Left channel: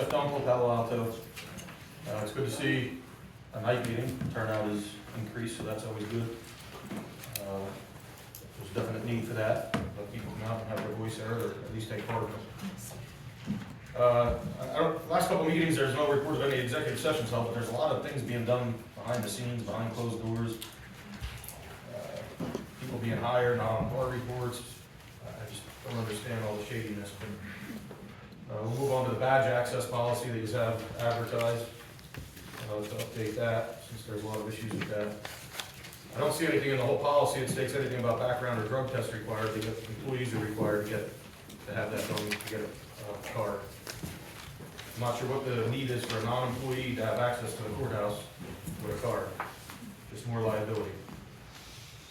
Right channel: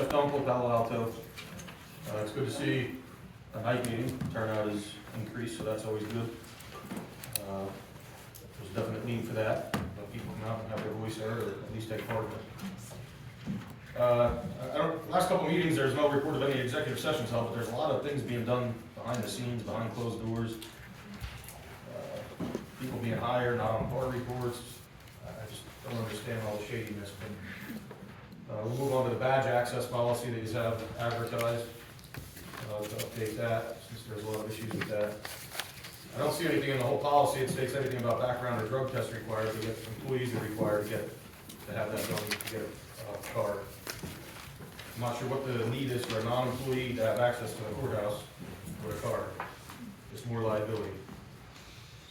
Jeff Dunkel, Palo Alto. It's good to see a night meeting. Turnout is increased, so that's always good. There's definite need for that. Let people come out and have their voice heard, or at least take part of it. Last couple meetings, there's no report of any executive sessions held, but there's a lot of things being done behind the scenes, behind closed doors. People being hired, not on board reports. I just don't understand all the shadiness. But we'll move on to the badge access policy that you have advertised. To update that, since there's a lot of issues with that. I don't see anything in the whole policy that states anything about background or drug test required, because employees are required to have that done to get a card. I'm not sure what the need is for a non-employee to have access to the courthouse with a card. It's more liability.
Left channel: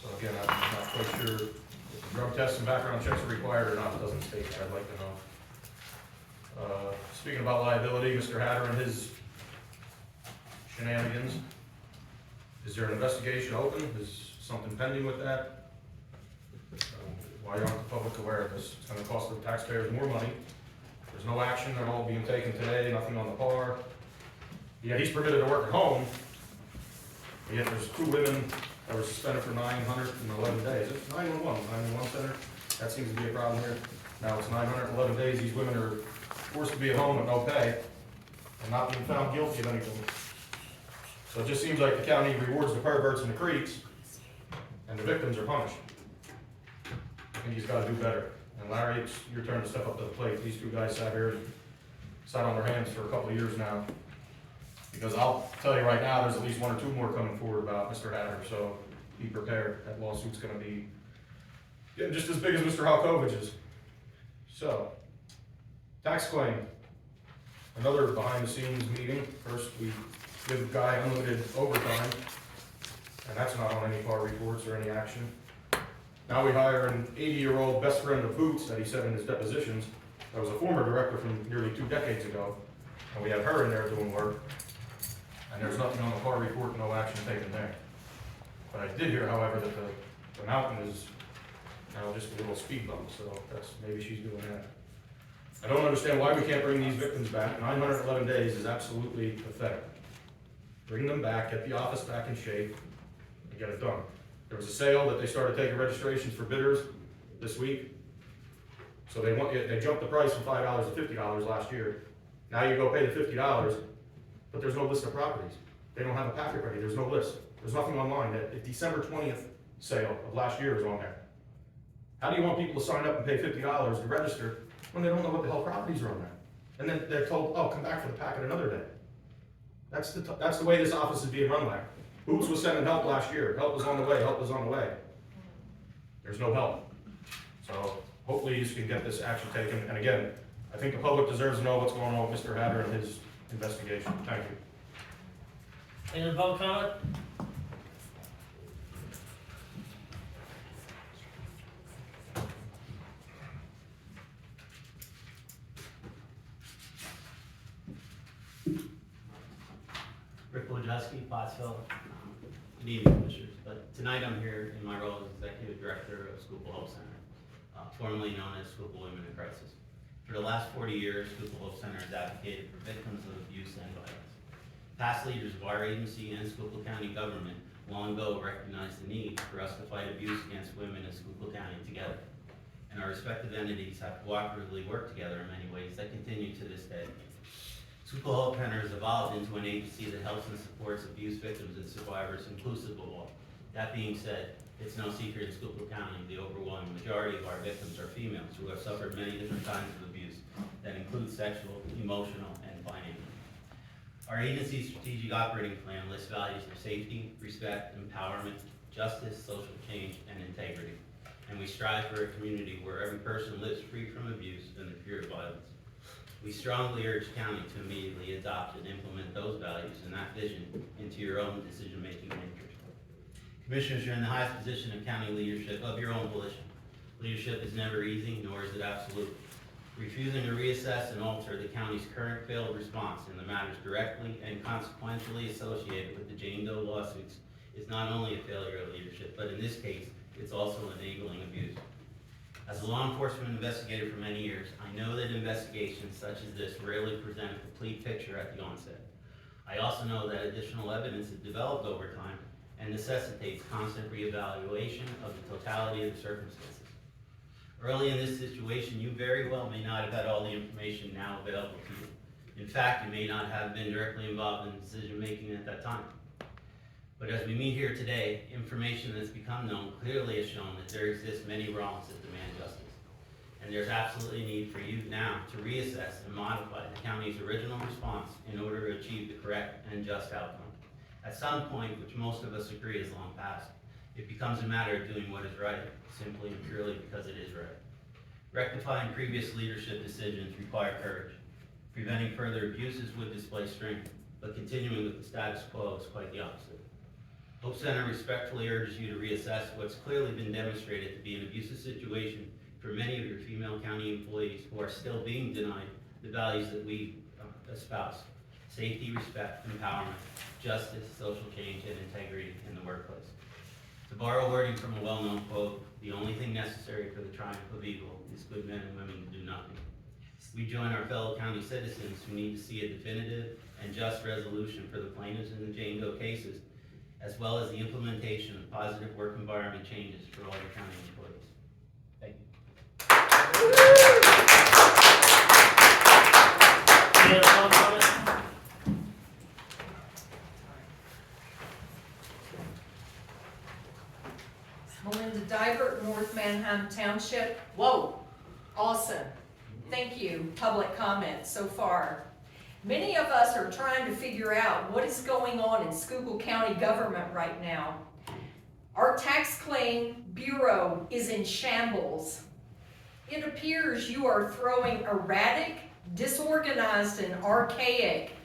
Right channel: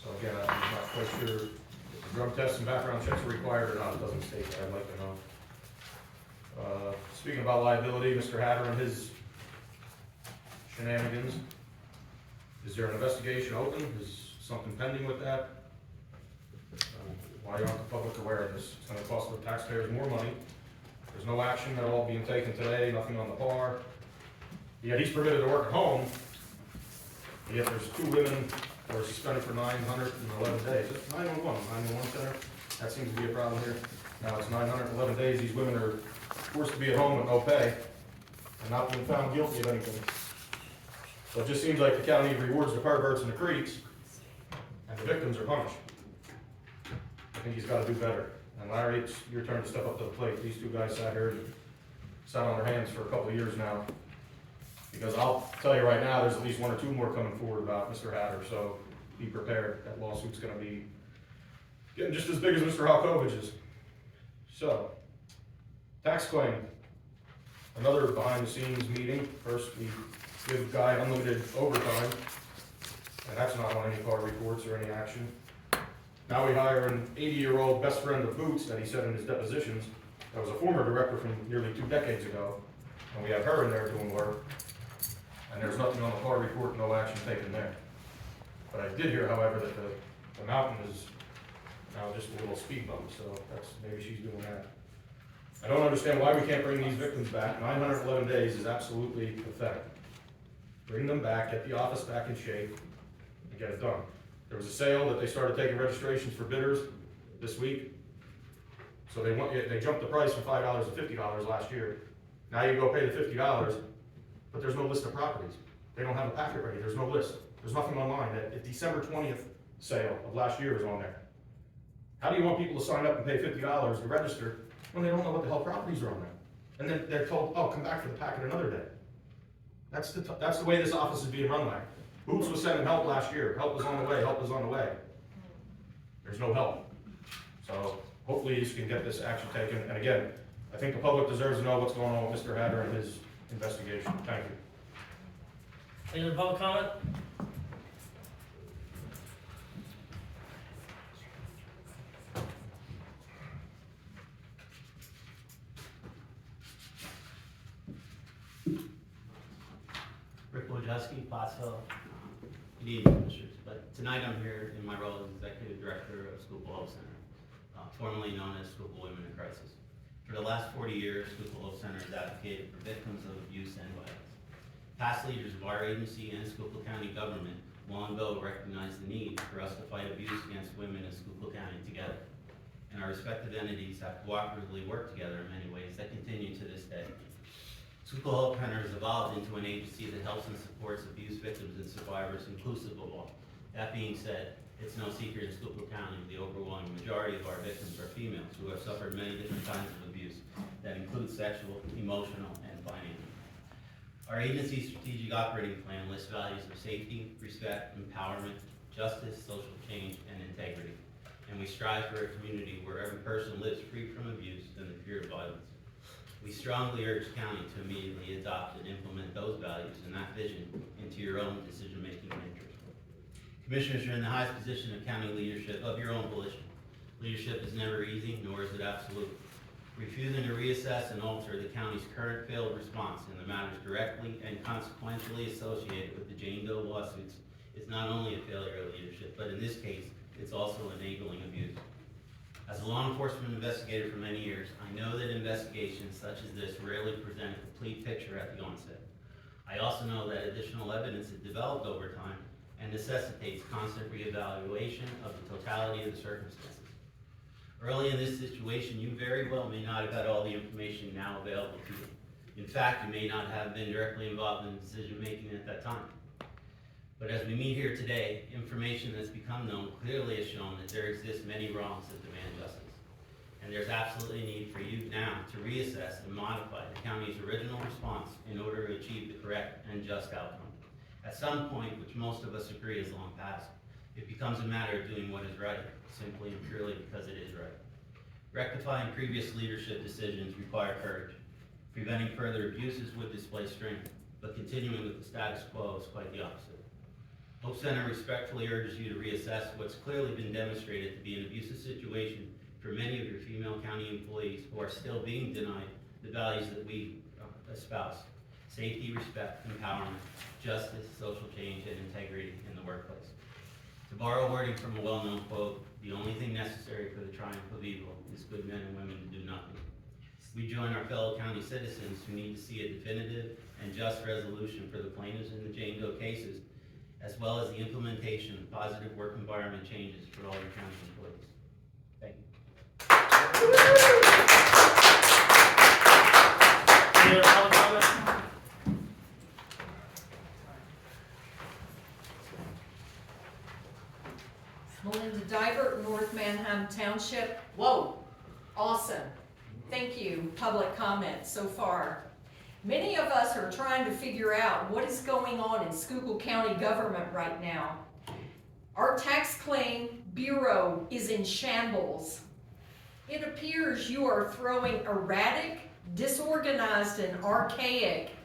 So again, I'm not quite sure if the drug tests and background checks are required or not. It doesn't state that. I'd like to know. Speaking about liability, Mr. Hatter and his shenanigans. Is there an investigation open? Is something pending with that? Why aren't the public aware of this? It's going to cost the taxpayers more money. There's no action at all being taken today, nothing on the par. Yeah, he's permitted to work at home, yet there's 2 women that were suspended for 911 days. It's 911 center. That seems to be a problem here. Now it's 911 days. These women are forced to be at home with no pay and not being found guilty of anything. So it just seems like the county rewards the perverts and the creeps, and the victims are punished. I think he's got to do better. And Larry, it's your turn to step up to the plate. These 2 guys sat here and sat on their hands for a couple of years now. Because I'll tell you right now, there's at least 1 or 2 more coming forward about Mr. Hatter, so be prepared. That lawsuit's going to be getting just as big as Mr. Halkovich's. So, tax claim. Another behind-the-scenes meeting. First, we give Guy unlimited overtime, and that's not on any par reports or any action. Now we hire an 80-year-old best friend of Boots that he said in his depositions, that was a former director from nearly 2 decades ago, and we have her in there doing work, and there's nothing on the par report, no action taken there. But I did hear, however, that the mountain is now just a little speed bump, so that's, maybe she's doing that. I don't understand why we can't bring these victims back. 911 days is absolutely pathetic. Bring them back, get the office back in shape, and get it done. There was a sale that they started taking registrations for bidders this week. So they jumped the price from $5 to $50 last year. Now you go pay the $50, but there's no list of properties. They don't have a packet ready, there's no list. There's nothing online. That December 20th sale of last year is on there. How do you want people to sign up and pay $50 to register when they don't know what the hell properties are on there? And then they're told, oh, come back for the packet another day. That's the way this office is being run like. Boots was sending help last year. Help was on the way, help was on the way. There's no help. So hopefully you can get this action taken. And again, I think the public deserves to know what's going on with Mr. Hatter and his investigation. Thank you. Any other public comment? Pottsville. Good evening, Commissioners. But tonight I'm here in my role as Executive Director of Schuylkill Health Center, formerly known as Schuylkill Women in Crisis. For the last 40 years, Schuylkill Health Center has advocated for victims of abuse and violence. Past leaders of our agency and Schuylkill County government long ago recognized the need for us to fight abuse against women in Schuylkill County together. And our respective entities have cooperatively worked together in many ways that continue to this day. Schuylkill Health Center has evolved into an agency that helps and supports abuse victims and survivors inclusive of all. That being said, it's no secret in Schuylkill County the overwhelming majority of our victims are females who have suffered many different kinds of abuse that include sexual, emotional, and financial. Our agency's strategic operating plan lists values of safety, respect, empowerment, justice, social change, and integrity. And we strive for a community where every person lives free from abuse and the fear of violence. We strongly urge county to immediately adopt and implement those values and that vision into your own decision-making matrix. Commissioners, you're in the highest position of county leadership of your own volition. Leadership is never easy, nor is it absolute. Refusing to reassess and alter the county's current failed response in the matters directly and consequentially associated with the Jane Doe lawsuits is not only a failure of leadership, but in this case, it's also enabling abuse. As a law enforcement investigator for many years, I know that investigations such as this rarely present a complete picture at the onset. I also know that additional evidence is developed over time and necessitates constant reevaluation of the totality of the circumstances. Early in this situation, you very well may not have had all the information now available to you. In fact, you may not have been directly involved in decision-making at that time. But as we meet here today, information that's become known clearly has shown that there exist many wrongs that demand justice. And there's absolutely a need for you now to reassess and modify the county's original response in order to achieve the correct and just outcome. At some point, which most of us agree is long past, it becomes a matter of doing what is right, simply and purely because it is right. Rectifying previous leadership decisions require courage. Preventing further abuses would display strength, but continuing with the status quo is quite the opposite. Hope Center respectfully urges you to reassess what's clearly been demonstrated to be an abusive situation for many of your female county employees who are still being denied the values that we espouse: safety, respect, empowerment, justice, social change, and integrity in the workplace. To borrow wording from a well-known quote, the only thing necessary for the triumph of evil is good men and women to do nothing. We join our fellow county citizens who need to see a definitive and just resolution for the plaintiffs in the Jane Doe cases, as well as the implementation of positive work environment changes for all your county employees. Thank you. Any other public comment? Melinda Dybert, North Manheim Township. Whoa, awesome. Thank you, public comment so far. Many of us are trying to figure out what is going on in Schuylkill County government right now. Our tax claim bureau is in shambles. It appears you are throwing erratic, disorganized, and archaic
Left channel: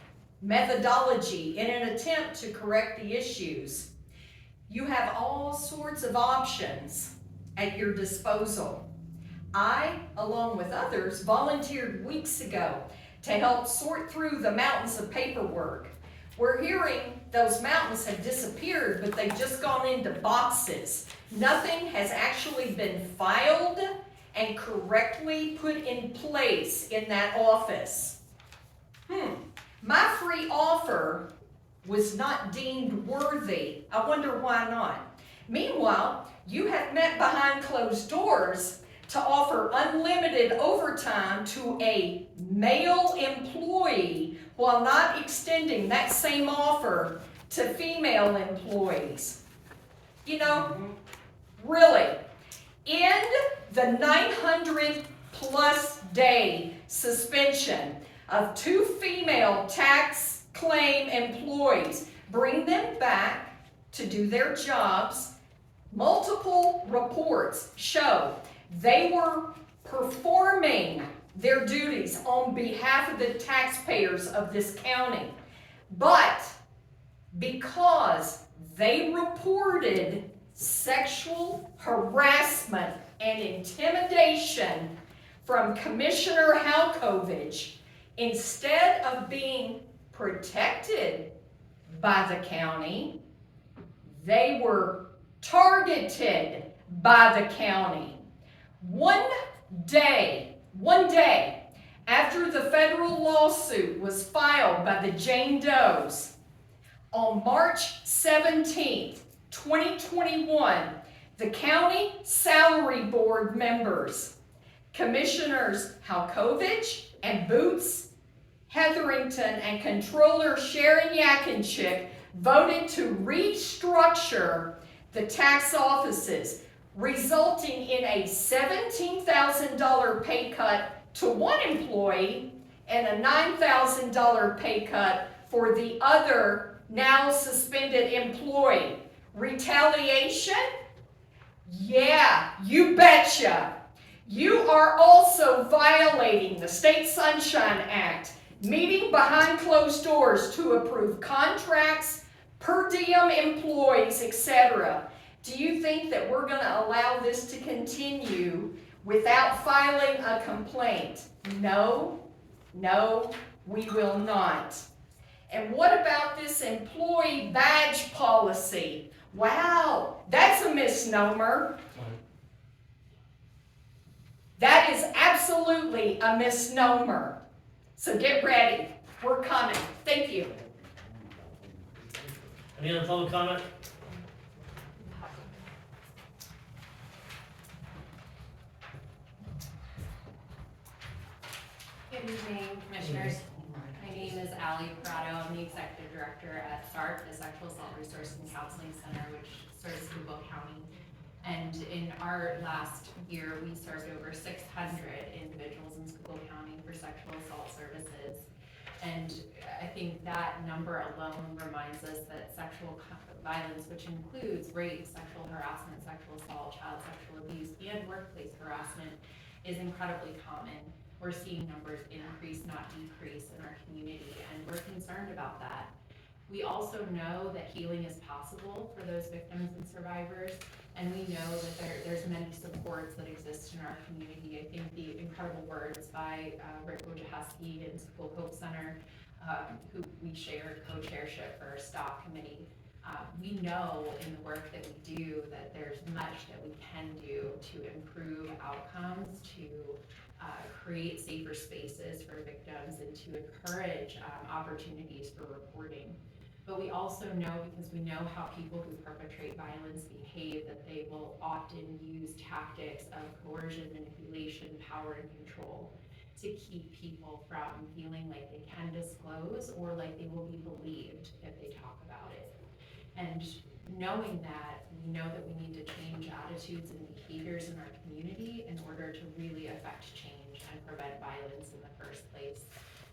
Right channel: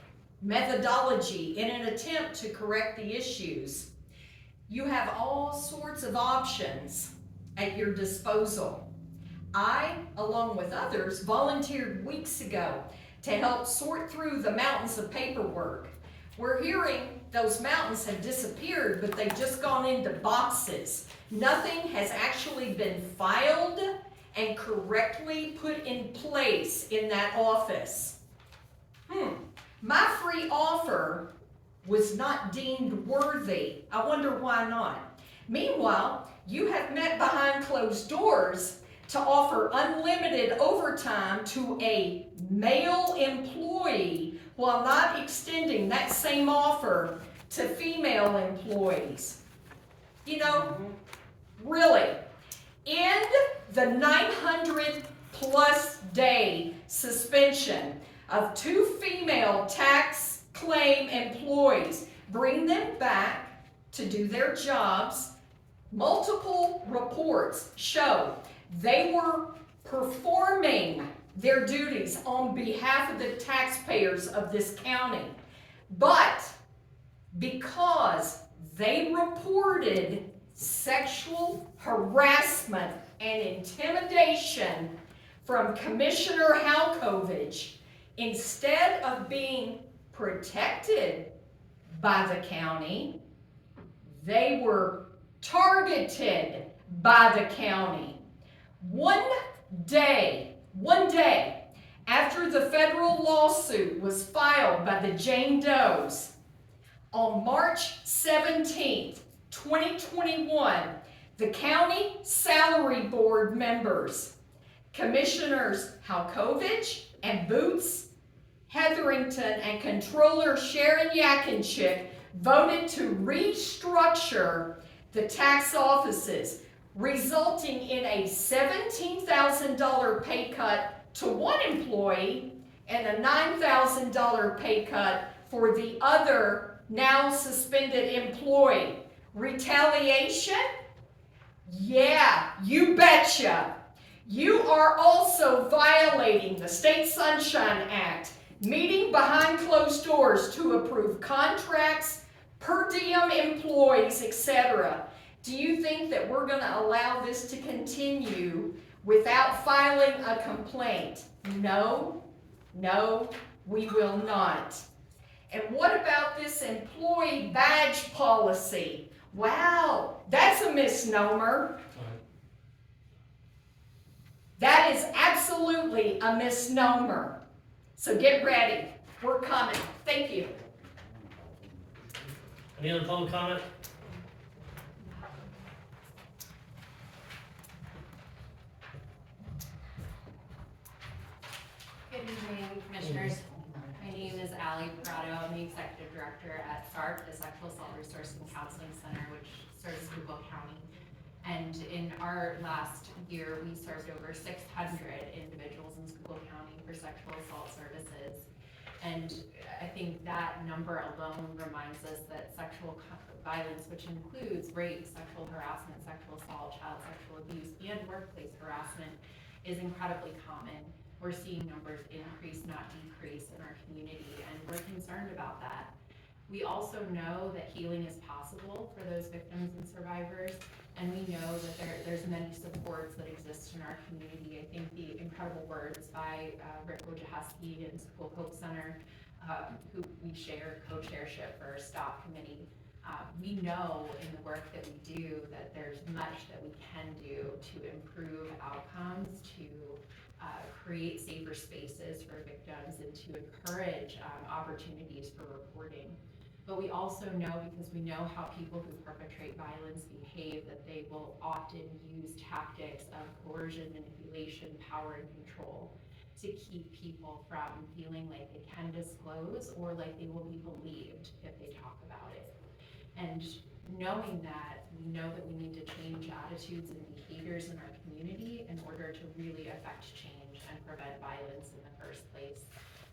methodology in an attempt to correct the issues. You have all sorts of options at your disposal. I, along with others, volunteered weeks ago to help sort through the mountains of paperwork. We're hearing those mountains have disappeared, but they've just gone into boxes. Nothing has actually been filed and correctly put in place in that office. My free offer was not deemed worthy. I wonder why not. Meanwhile, you have met behind closed doors to offer unlimited overtime to a male employee while not extending that same offer to female employees. You know, really, in the 900 plus day suspension of 2 female tax claim employees, bring them back to do their jobs. Multiple reports show they were performing their duties on behalf of the taxpayers of this county. But because they reported sexual harassment and intimidation from Commissioner Halkovich, instead of being protected by the county, they were targeted by the county. One day after the federal lawsuit was filed by the Jane Does, on March 17th, 2021, the county salary board members, Commissioners Halkovich and Boots, Hetherington, and Controller Sharon Yakinchik voted to restructure the tax offices, resulting in a $17,000 pay cut to one employee and a $9,000 pay cut for the other now suspended employee. Retaliation? Yeah, you betcha. You are also violating the State Sunshine Act, meeting behind closed doors to approve contracts, per diem employees, etc. Do you think that we're going to allow this to continue without filing a complaint? No, we will not. And what about this employee badge policy? Wow, that's a misnomer. That is absolutely a misnomer. So get ready, we're coming. Thank you. Any other public comment? Good evening, Commissioners. My name is Allie Prado. I'm the Executive Director at SARC, the Sexual Assault Resource and Counseling Center, which serves Schuylkill County. And in our last year, we served over 600 individuals in Schuylkill County for sexual assault services. And I think that number alone reminds us that sexual violence, which includes rape, sexual harassment, sexual assault, child sexual abuse, and workplace harassment, is incredibly common. We're seeing numbers increase, not decrease, in our community, and we're concerned about that. We also know that healing is possible for those victims and survivors, and we know that there's many supports that exist in our community. I think the incredible words by Rick Wojciechowski and School Hope Center, who we share co-chairship for our STOP committee. We know in the work that we do that there's much that we can do to improve outcomes, to create safer spaces for victims, and to encourage opportunities for reporting. But we also know, because we know how people who perpetrate violence behave, that they will often use tactics of coercion, manipulation, power, and control to keep people from feeling like they can disclose or like they will be believed if they talk about it. And knowing that, we know that we need to change attitudes and behaviors in our community in order to really affect change and prevent violence in the first place.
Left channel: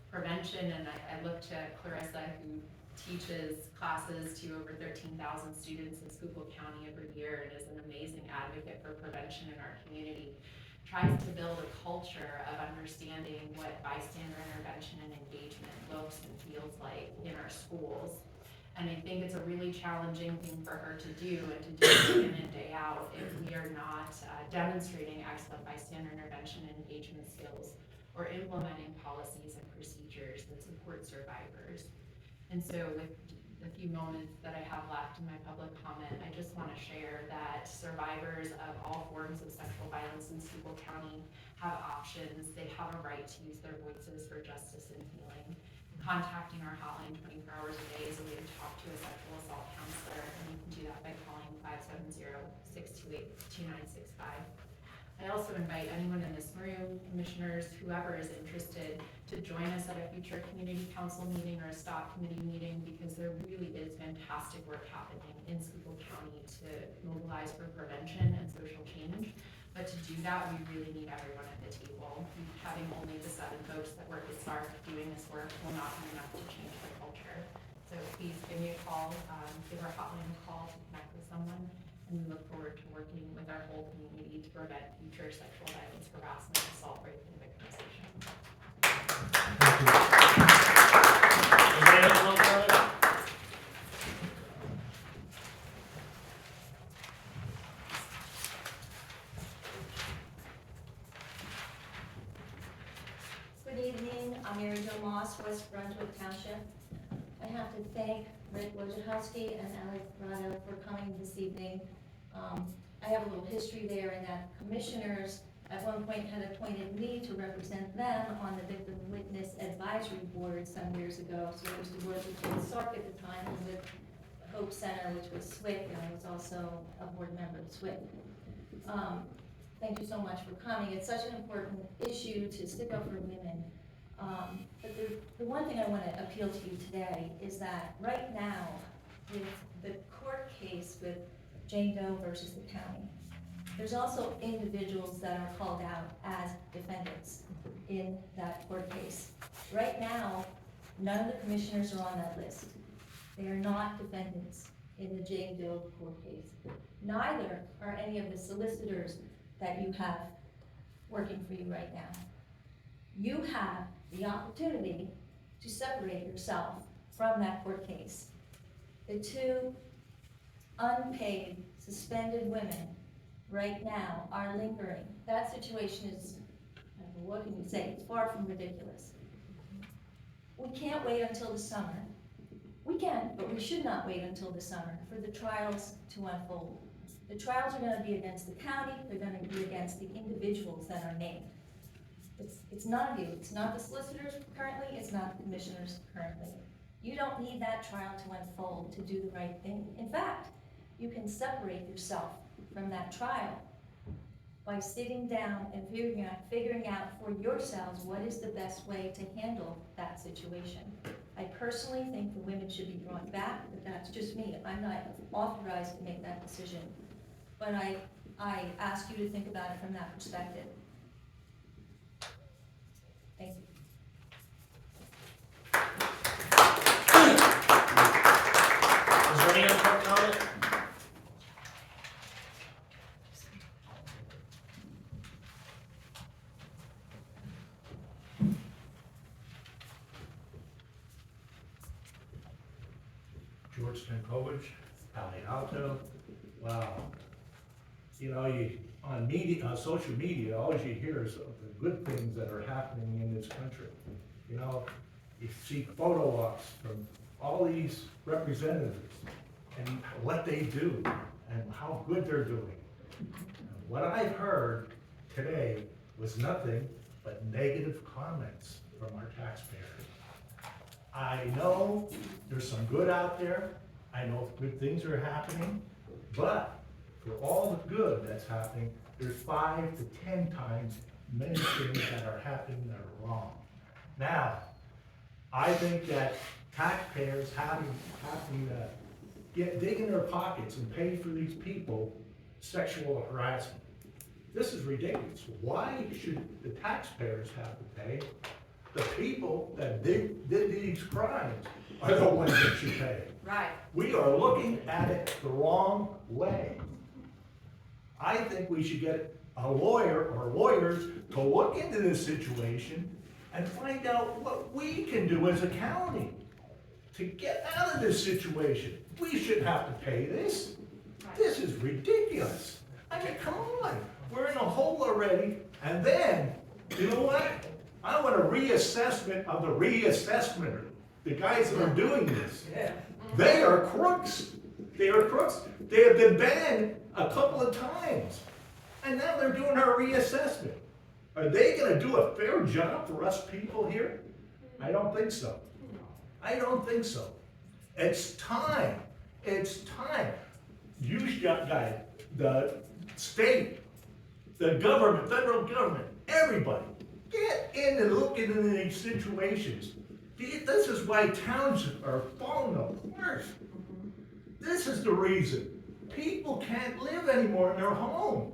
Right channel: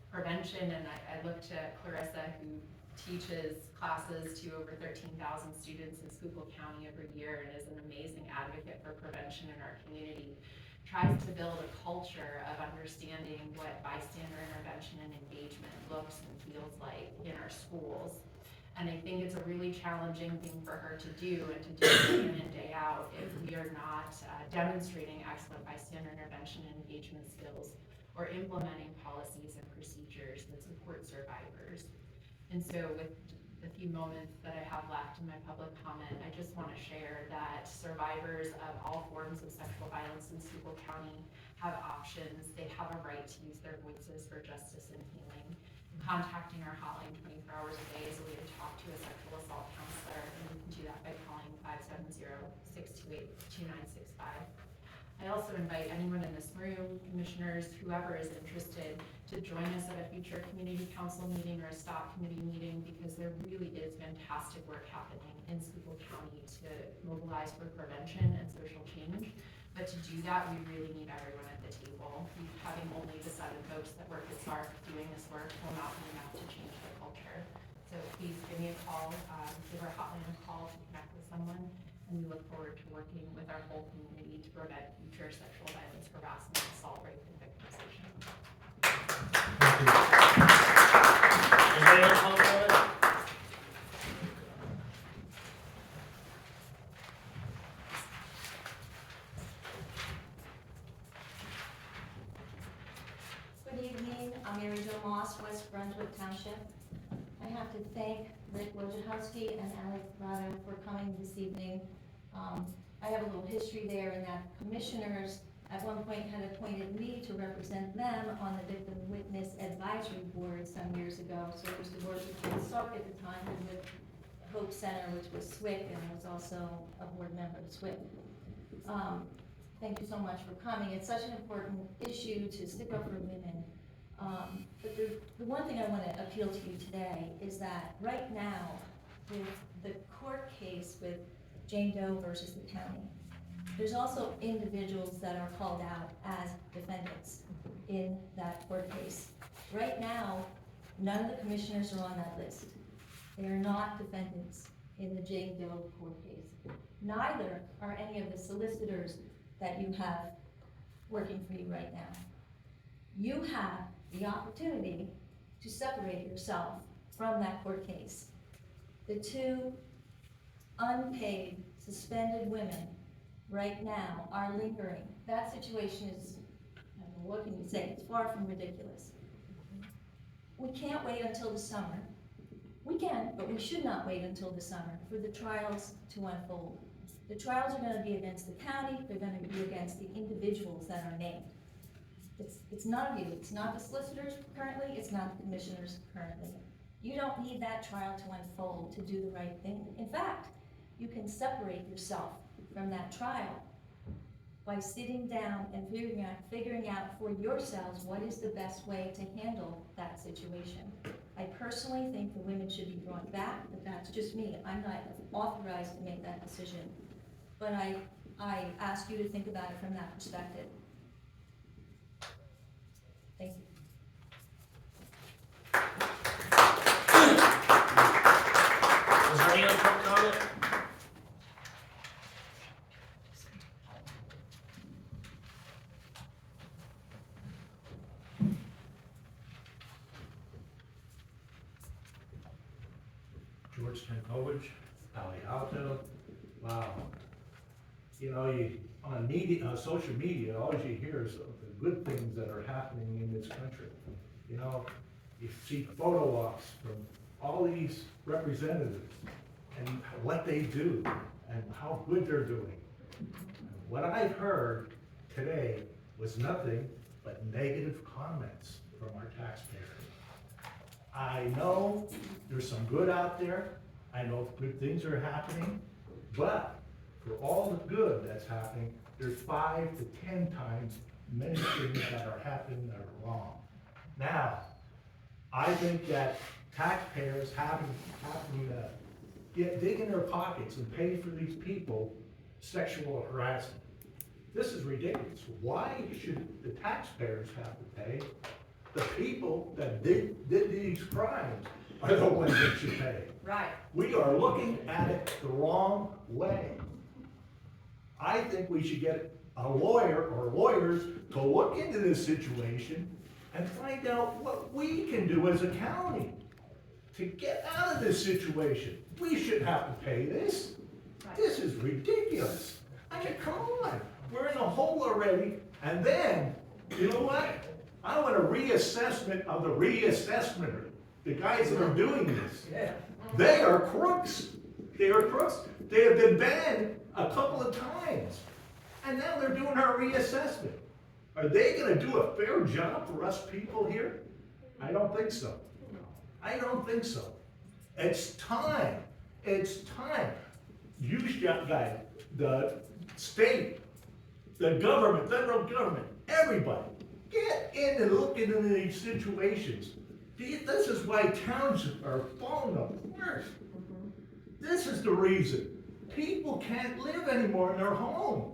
Prevention, and I look to Clarissa, who teaches classes to over 13,000 students in Schuylkill County every year and is an amazing advocate for prevention in our community, tries to build a culture of understanding what bystander intervention and engagement looks and feels like in our schools. And I think it's a really challenging thing for her to do, and to do day in and day out, if we are not demonstrating excellent bystander intervention and engagement skills, or implementing policies and procedures that support survivors. And so with the few moments that I have left in my public comment, I just want to share that survivors of all forms of sexual violence in Schuylkill County have options. They have a right to use their voices for justice and healing. Contacting our hotline 24 hours a day is a way to talk to a sexual assault counselor, and you can do that by calling 570-628-2965. I also invite anyone in this room, commissioners, whoever is interested, to join us at a future community council meeting or a STOP committee meeting, because there really is fantastic work happening in Schuylkill County to mobilize for prevention and social change. But to do that, we really need everyone at the table. Having only the 7 folks that work at SARC doing this work will not be enough to change the culture. So please give me a call, give our hotline a call to connect with someone, and we look forward to working with our whole community to prevent future sexual violence, harassment, assault, rape, and victimization. Anybody else want to comment? Good evening, I'm Mary Jo Moss, West Brunswick Township. I have to thank Rick Wojciechowski and Allie Prado for coming this evening. I have a little history there in that commissioners at one point had appointed me to represent them on the Victim Witness Advisory Board some years ago. So I used to work with SARC at the time and with Hope Center, which was SWIC, and I was also a board member of SWIC. Thank you so much for coming. It's such an important issue to stick up for women. But the one thing I want to appeal to you today is that right now, with the court case with Jane Doe versus the county, there's also individuals that are called out as defendants in that court case. Right now, none of the commissioners are on that list. They are not defendants in the Jane Doe court case. Neither are any of the solicitors that you have working for you right now. You have the opportunity to separate yourself from that court case. The 2 unpaid, suspended women right now are lingering. That situation is, what can you say, it's far from ridiculous. We can't wait until the summer. We can, but we should not wait until the summer for the trials to unfold. The trials are gonna be against the county, they're gonna be against the individuals that are named. It's none of you, it's not the solicitors currently, it's not the commissioners currently. You don't need that trial to unfold to do the right thing. In fact, you can separate yourself from that trial by sitting down and figuring out for yourselves what is the best way to handle that situation. I personally think the women should be brought back, but that's just me. I'm not authorized to make that decision. But I ask you to think about it from that perspective. Thank you. Is there any other public comment? George Stankovich, Palo Alto. Wow. You know, on media, on social media, all you hear is of the good things that are happening in this country. You know, you see photo ops from all these representatives and what they do and how good they're doing. What I've heard today was nothing but negative comments from our taxpayers. I know there's some good out there, I know good things are happening, but for all the good that's happening, there's 5 to 10 times many things that are happening that are wrong. Now, I think that taxpayers having dig in their pockets and pay for these people sexual harassment. This is ridiculous. Why should the taxpayers have to pay? The people that did these crimes are the ones that should pay. Right. We are looking at it the wrong way. I think we should get a lawyer or lawyers to look into this situation and find out what we can do as a county to get out of this situation. We shouldn't have to pay this. This is ridiculous. I mean, come on, we're in a hole already, and then, you know what? I want a reassessment of the reassessment. The guys that are doing this. Yeah. They are crooks. They are crooks. They have been banned a couple of times. And now they're doing our reassessment. Are they gonna do a fair job for us people here? I don't think so. I don't think so. It's time. It's time. You guys, the state, the government, federal government, everybody, get in and look into these situations. This is why towns are falling apart. This is the reason. People can't live anymore in their homes.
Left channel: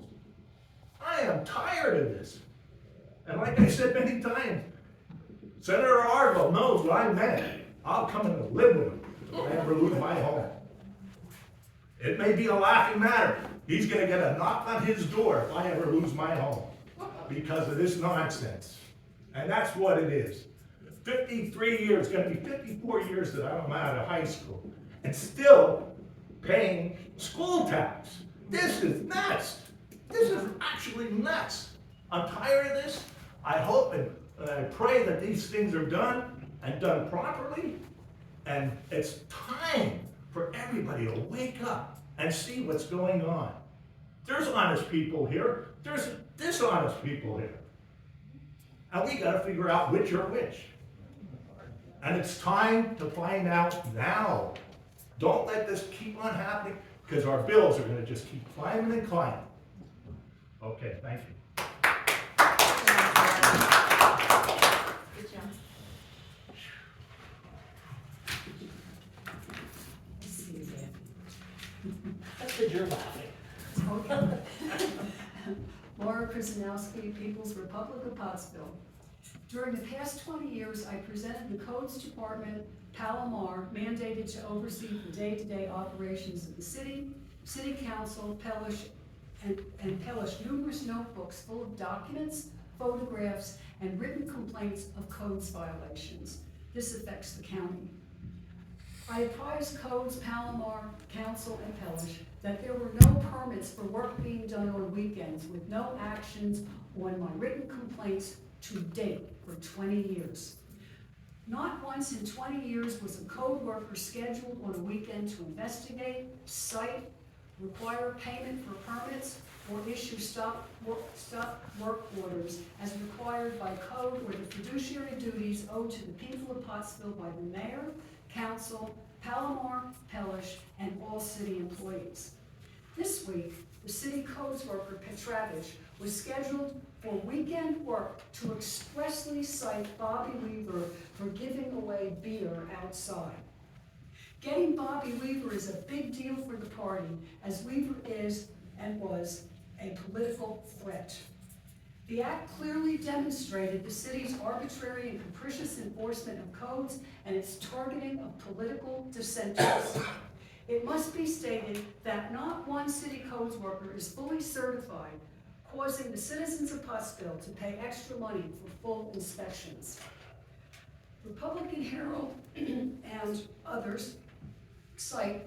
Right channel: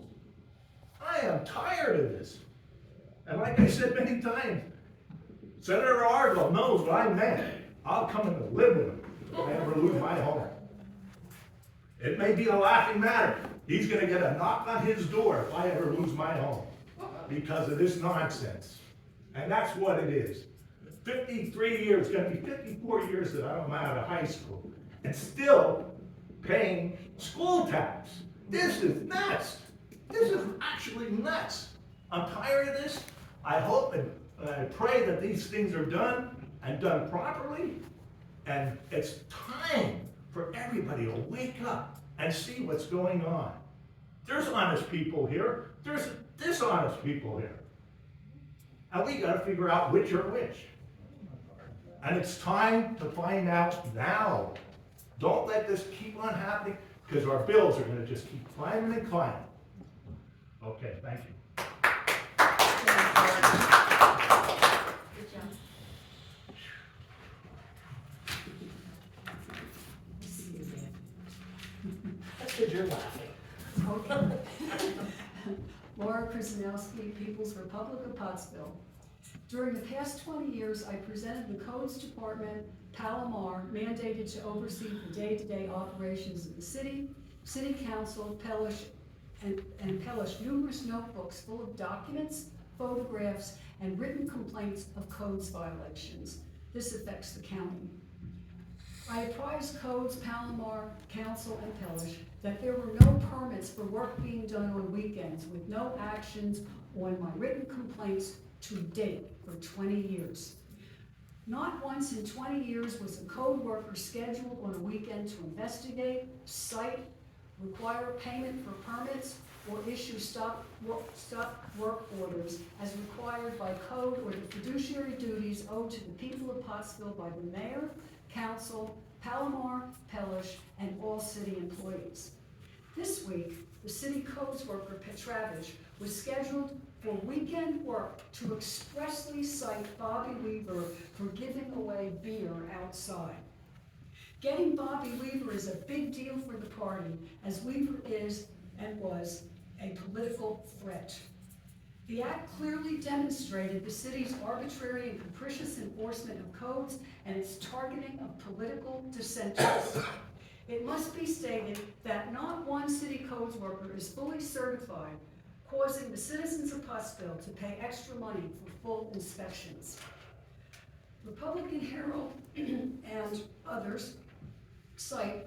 I am tired of this. And like I said many times, Senator Argo knows what I meant. I'll come and live with him if I ever lose my home. It may be a laughing matter. He's gonna get a knock on his door if I ever lose my home because of this nonsense. And that's what it is. 53 years, gonna be 54 years that I'm out of high school and still paying school tax. This is nuts. This is actually nuts. I'm tired of this. I hope and I pray that these things are done and done properly. And it's time for everybody to wake up and see what's going on. There's honest people here. There's dishonest people here. And we gotta figure out which are which. And it's time to find out now. Don't let this keep on happening because our bills are gonna just keep climbing and climbing. Okay, thank you. Good job. That's because you're laughing. Laura Krasinowski, People's Republic of Pottsville. During the past 20 years, I presented the Codes Department, Palomar, mandated to oversee the day-to-day operations of the city council, and Pellish numerous notebooks full of documents, photographs, and written complaints of codes violations. This affects the county. I apprised Codes, Palomar, Council, and Pellish that there were no permits for work being done on weekends with no actions on my written complaints to date for 20 years. Not once in 20 years was a code worker scheduled on a weekend to investigate, cite, require payment for permits, or issue stop work orders as required by code or the fiduciary duties owed to the people of Pottsville by the mayor, council, Palomar, Pellish, and all city employees. This week, the city codes worker Petravich was scheduled for weekend work to expressly cite Bobby Weaver for giving away beer outside. Getting Bobby Weaver is a big deal for the party, as Weaver is and was a political threat. The act clearly demonstrated the city's arbitrary and capricious enforcement of codes and its targeting of political dissenters. It must be stated that not one city codes worker is fully certified, causing the citizens of Pottsville to pay extra money for full inspections. Republican Herald and others say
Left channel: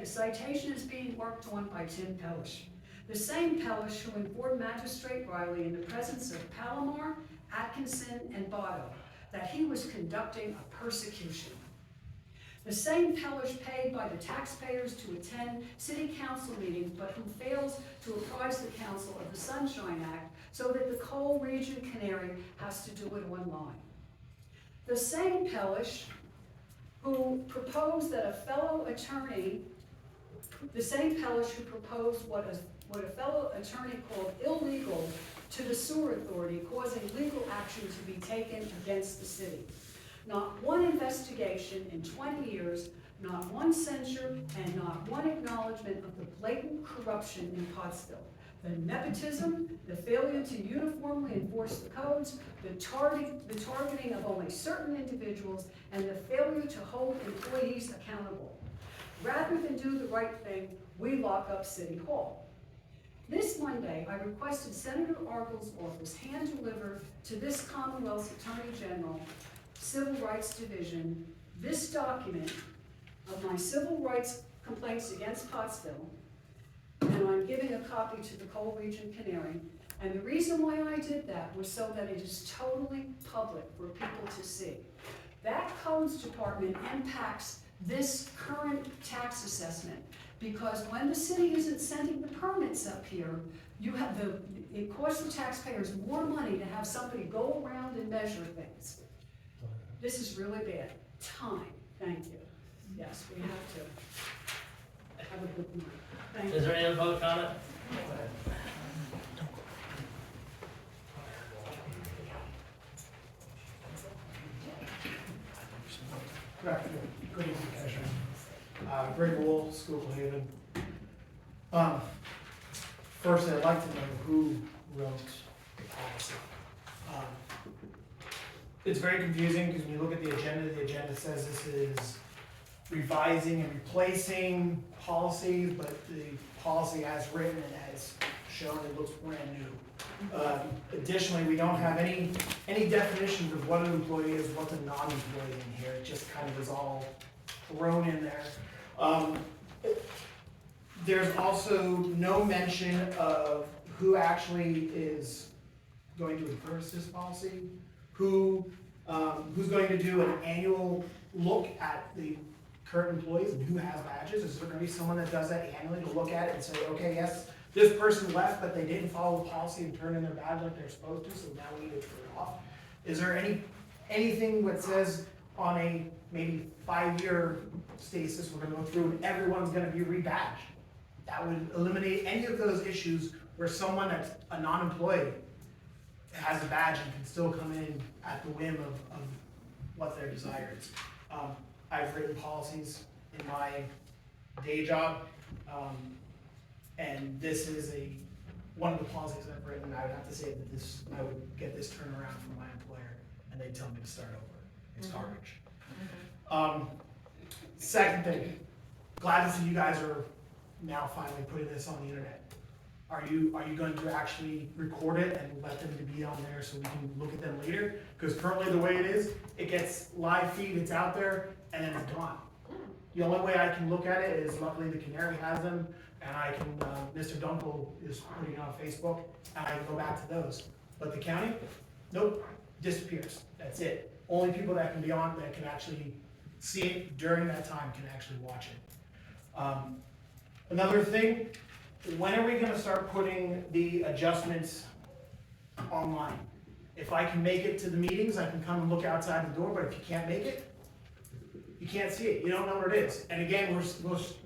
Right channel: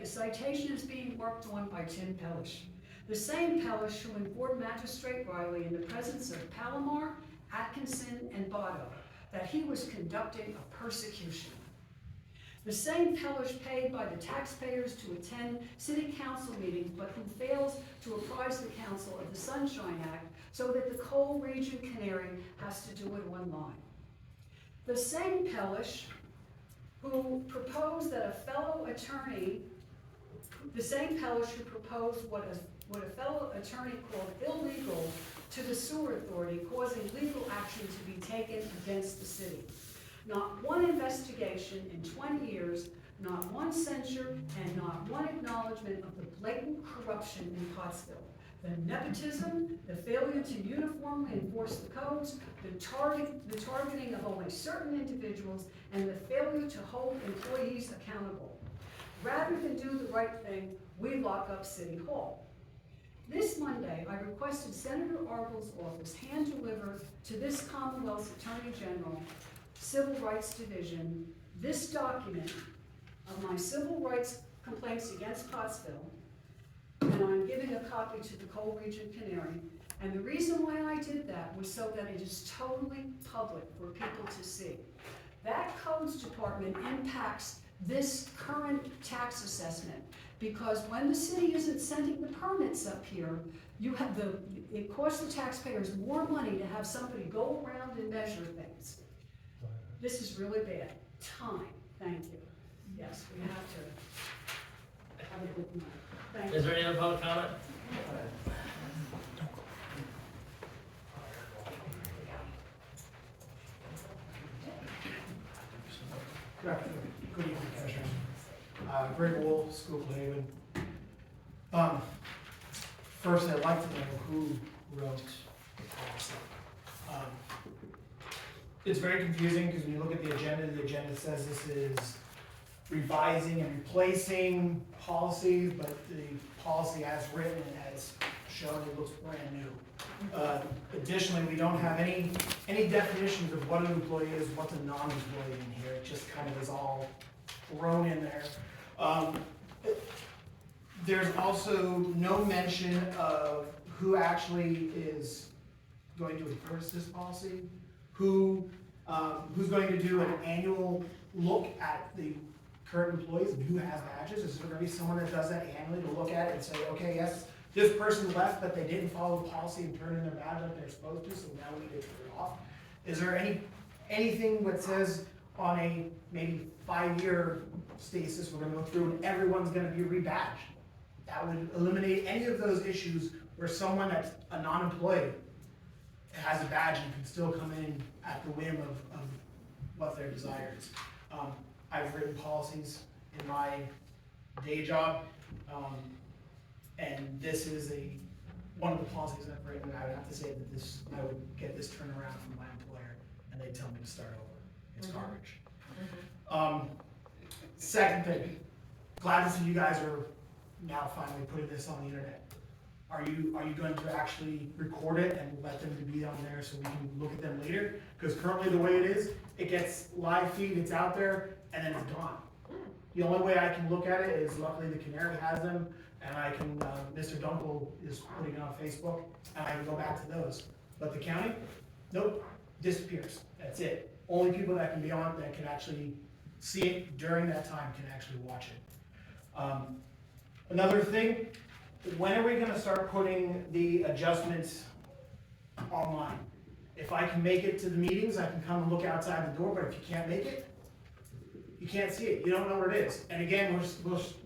the citation is being worked on by Tim Pellish, the same Pellish who informed Magistrate Riley in the presence of Palomar, Atkinson, and Botto that he was conducting a persecution. The same Pellish paid by the taxpayers to attend city council meetings, but who fails to apprise the council of the Sunshine Act so that the Coal Region Canary has to do it online. The same Pellish who proposed that a fellow attorney, the same Pellish who proposed what a fellow attorney called illegal to the sewer authority, causing legal action to be taken against the city. Not one investigation in 20 years, not one censure, and not one acknowledgement of the blatant corruption in Pottsville. The nepotism, the failure to uniformly enforce the codes, the targeting of only certain individuals, and the failure to hold employees accountable. Rather than do the right thing, we lock up City Hall. This Monday, I requested Senator Argle's office hand-deliver to this Commonwealth's Attorney General, Civil Rights Division, this document of my civil rights complaints against Pottsville, and I'm giving a copy to the Coal Region Canary. And the reason why I did that was so that it is totally public for people to see. That codes department impacts this current tax assessment, because when the city isn't sending the permits up here, it costs the taxpayers more money to have somebody go around and measure things. This is really bad. Time, thank you. Yes, we have to have a good night. Thank you. Is there any other public comment? Good evening, Commissioner. Greg Wool, Schuylkill Haven. First, I'd like to know who wrote the policy. It's very confusing because when you look at the agenda says this is revising and replacing policies, but the policy as written and as shown, it looks brand new. Additionally, we don't have any definitions of what an employee is, what's a non-employee in here. It just kind of is all thrown in there. There's also no mention of who actually is going to enforce this policy, who's going to do an annual look at the current employees and who has badges. Is there going to be someone that does that annually to look at it and say, okay, yes, this person left, but they didn't follow the policy and turn in their badge like they're supposed to, so now we need to turn it off? Is there anything that says on a maybe 5-year stasis, we're gonna go through and everyone's gonna be rebadged? That would eliminate any of those issues where someone that's a non-employee has a badge and can still come in at the whim of what their desire is. I've written policies in my day job, and this is one of the policies I've written. I would have to say that I would get this turnaround from my employer, and they'd tell me to start over. It's garbage. Second thing, glad to see you guys are now finally putting this on the internet. Are you going to actually record it and let them be on there so we can look at them later? Because currently the way it is, it gets live feed, it's out there, and then it's gone. The only way I can look at it is luckily the Canary has them, and I can, Mr. Dunkel is putting it on Facebook, and I can go back to those. But the county, nope, disappears. That's it. Only people that can be on, that can actually see it during that time can actually watch it. Another thing, when are we gonna start putting the adjustments online? If I can make it to the meetings, I can come and look outside the door, but if you can't make it, you can't see it, you don't know what it is. And again,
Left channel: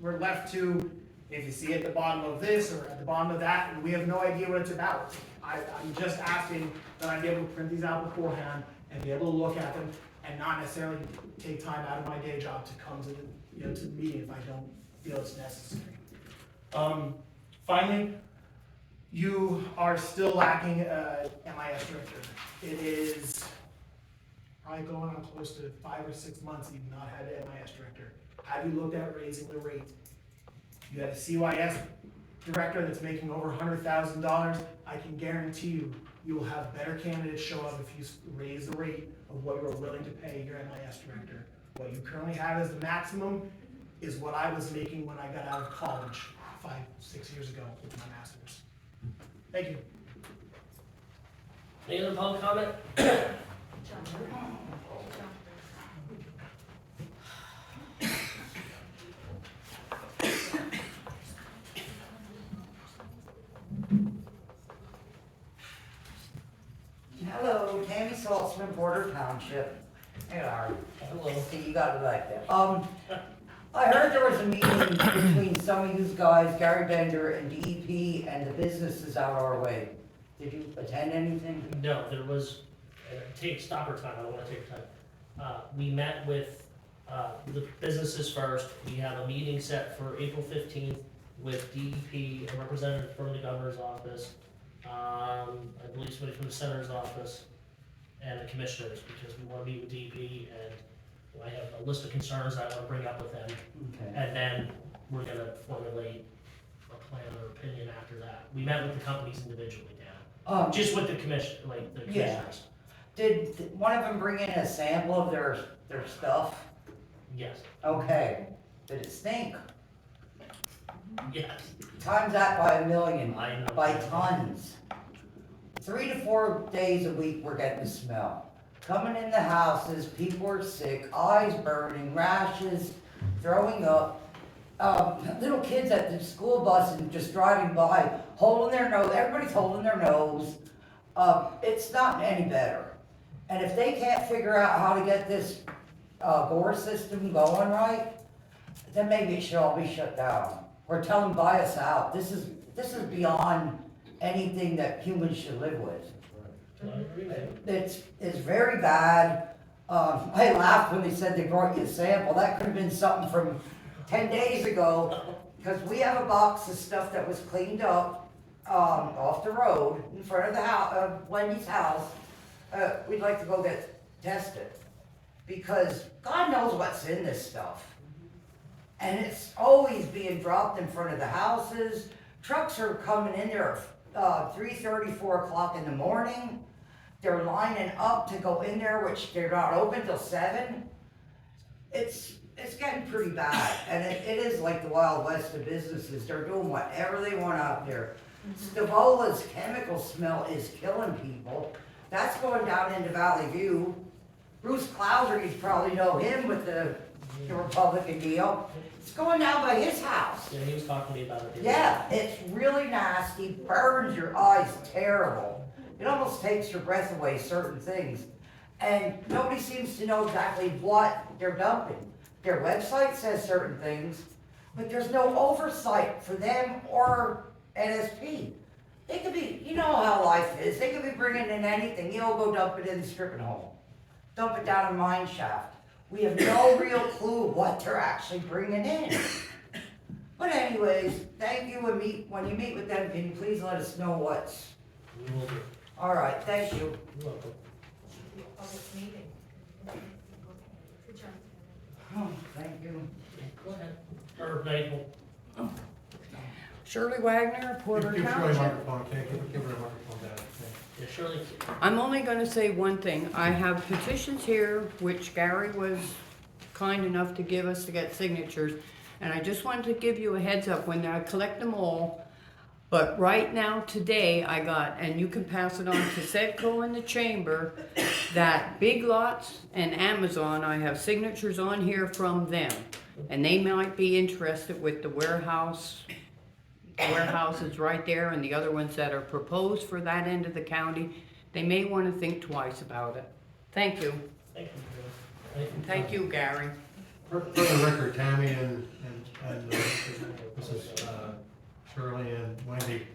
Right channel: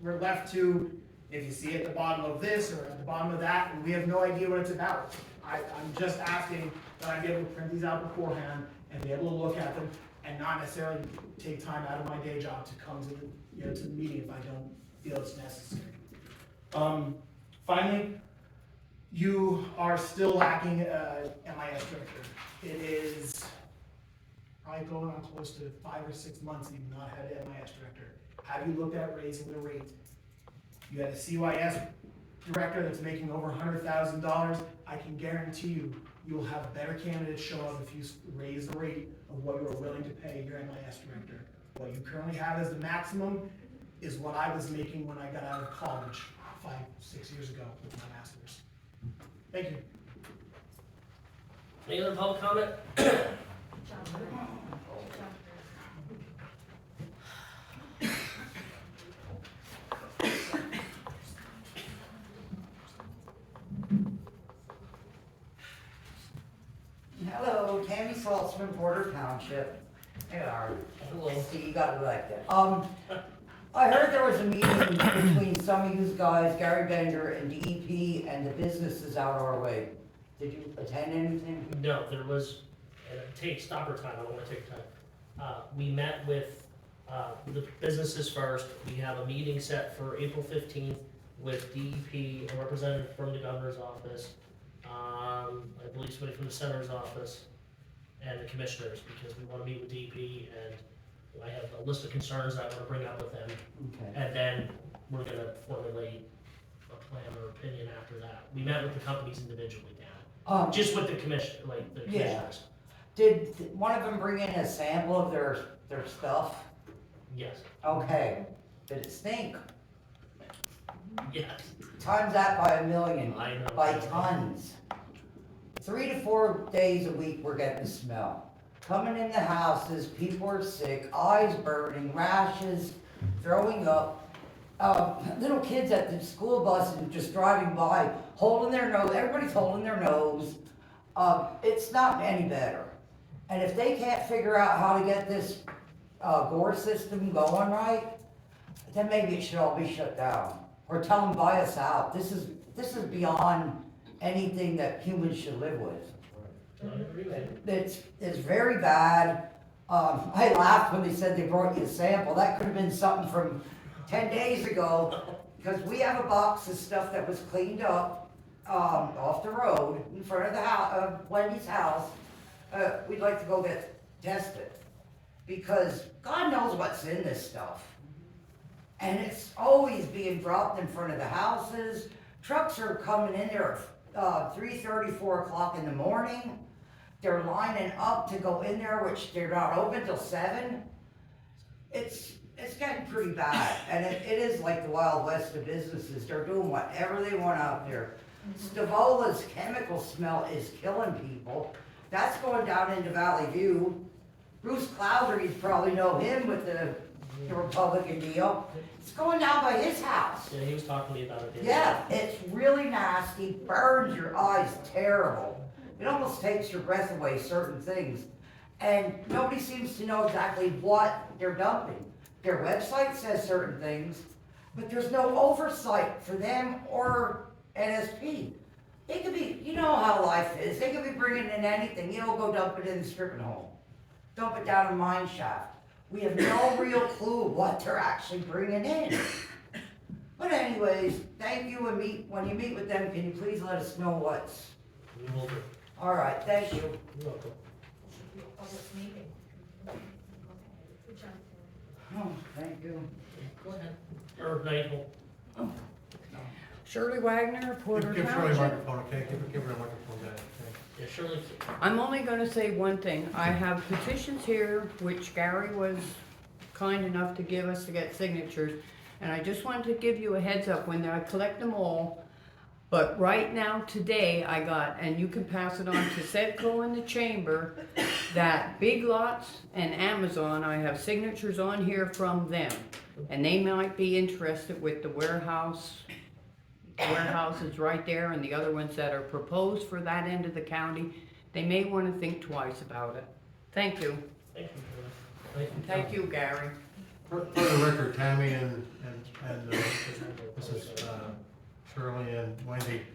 we're left to, if you see at the bottom of this or at the bottom of that, and we have no idea what it's about. I'm just asking that I be able to print these out beforehand and be able to look at them and not necessarily take time out of my day job to come to the, to the meeting if I don't feel it's necessary. Finally, you are still lacking MIS director. It is probably going on close to 5 or 6 months that you've not had an MIS director. Have you looked at raising the rate? You got a CYS director that's making over $100,000. I can guarantee you will have better candidates show up if you raise the rate of what you're willing to pay your MIS director. What you currently have as the maximum is what I was making when I got out of college 5, 6 years ago with my master's. Thank you. Any other public comment? Hello, Tammy Saltzman, Porter Township. Hey, Larry. Hello. See, you got elected. I heard there was a meeting between some of you guys, Gary Bender and DEP, and the businesses out our way. Did you attend anything? No, there was, stop our time, I don't wanna take time. We met with, the businesses first. We have a meeting set for April 15th with DEP, a representative from the governor's office, I believe somebody from the senator's office, and the commissioners, because we wanna meet with DEP, and I have a list of concerns I wanna bring up with them. Okay. And then we're gonna formulate a plan or opinion after that. We met with the companies individually now, just with the commission, like the Yeah. commissioners. Did one of them bring in a sample of their stuff? Yes, Okay. Did it stink? yes. Times that by 1,000,000, I know. by tons. 3 to 4 days a week we're getting the smell. Coming in the houses, people are sick, eyes burning, rashes, throwing up. Little kids at the school bus and just driving by, holding their nose, everybody's holding their nose. It's not any better. And if they can't figure out how to get this, gore system going right, then maybe it should all be shut down. Or tell them buy us out. This is beyond anything that humans should live with. I agree with you. It's very bad. I laughed when they said they brought you a sample. That could have been something from 10 days ago, because we have a box of stuff that was cleaned up, off the road in front of the house, Wendy's house. We'd like to go get tested, because God knows what's in this stuff. And it's always being dropped in front of the houses. Trucks are coming in there, 3:30, 4 o'clock in the morning. They're lining up to go in there, which they're not open till 7. It's getting pretty bad, and it is like the Wild West of businesses. They're doing whatever they want out there. Stavola's chemical smell is killing people. That's going down into Valley View. Bruce Clouser, you probably know him with the Republican deal. It's going down by his house. Yeah, he was talking to me about it. Yeah, it's really nasty, burns your eyes terrible. It almost takes your breath away, certain things. And nobody seems to know exactly what they're dumping. Their website says certain things, but there's no oversight for them or NSP. They could be, you know how life is, they could be bringing in anything, go dump it in the stripping hole. Dump it down a mine shaft. We have no real clue what they're actually bringing in. But anyways, thank you, and when you meet with them, can you please let us know what's, We will do. all right, thank you. You're welcome. Oh, thank you. Go ahead. Or Nigel. Shirley Wagner, Porter Give Shirley a Township. microphone, okay? Give her a microphone there. Yeah, Shirley. I'm only gonna say one thing. I have petitions here, which Gary was kind enough to give us to get signatures. And I just wanted to give you a heads up when I collect them all. But right now, today, I got, and you can pass it on to Sedco in the chamber, that Big Lots and Amazon, I have signatures on here from them. and they might be interested with the warehouse. Warehouses right there and the other ones that are proposed for that end of the county, they may wanna think twice about it. Thank you. Thank you, Gary. Thank you, Gary. For the record, Tammy and Mrs. Shirley and Wendy,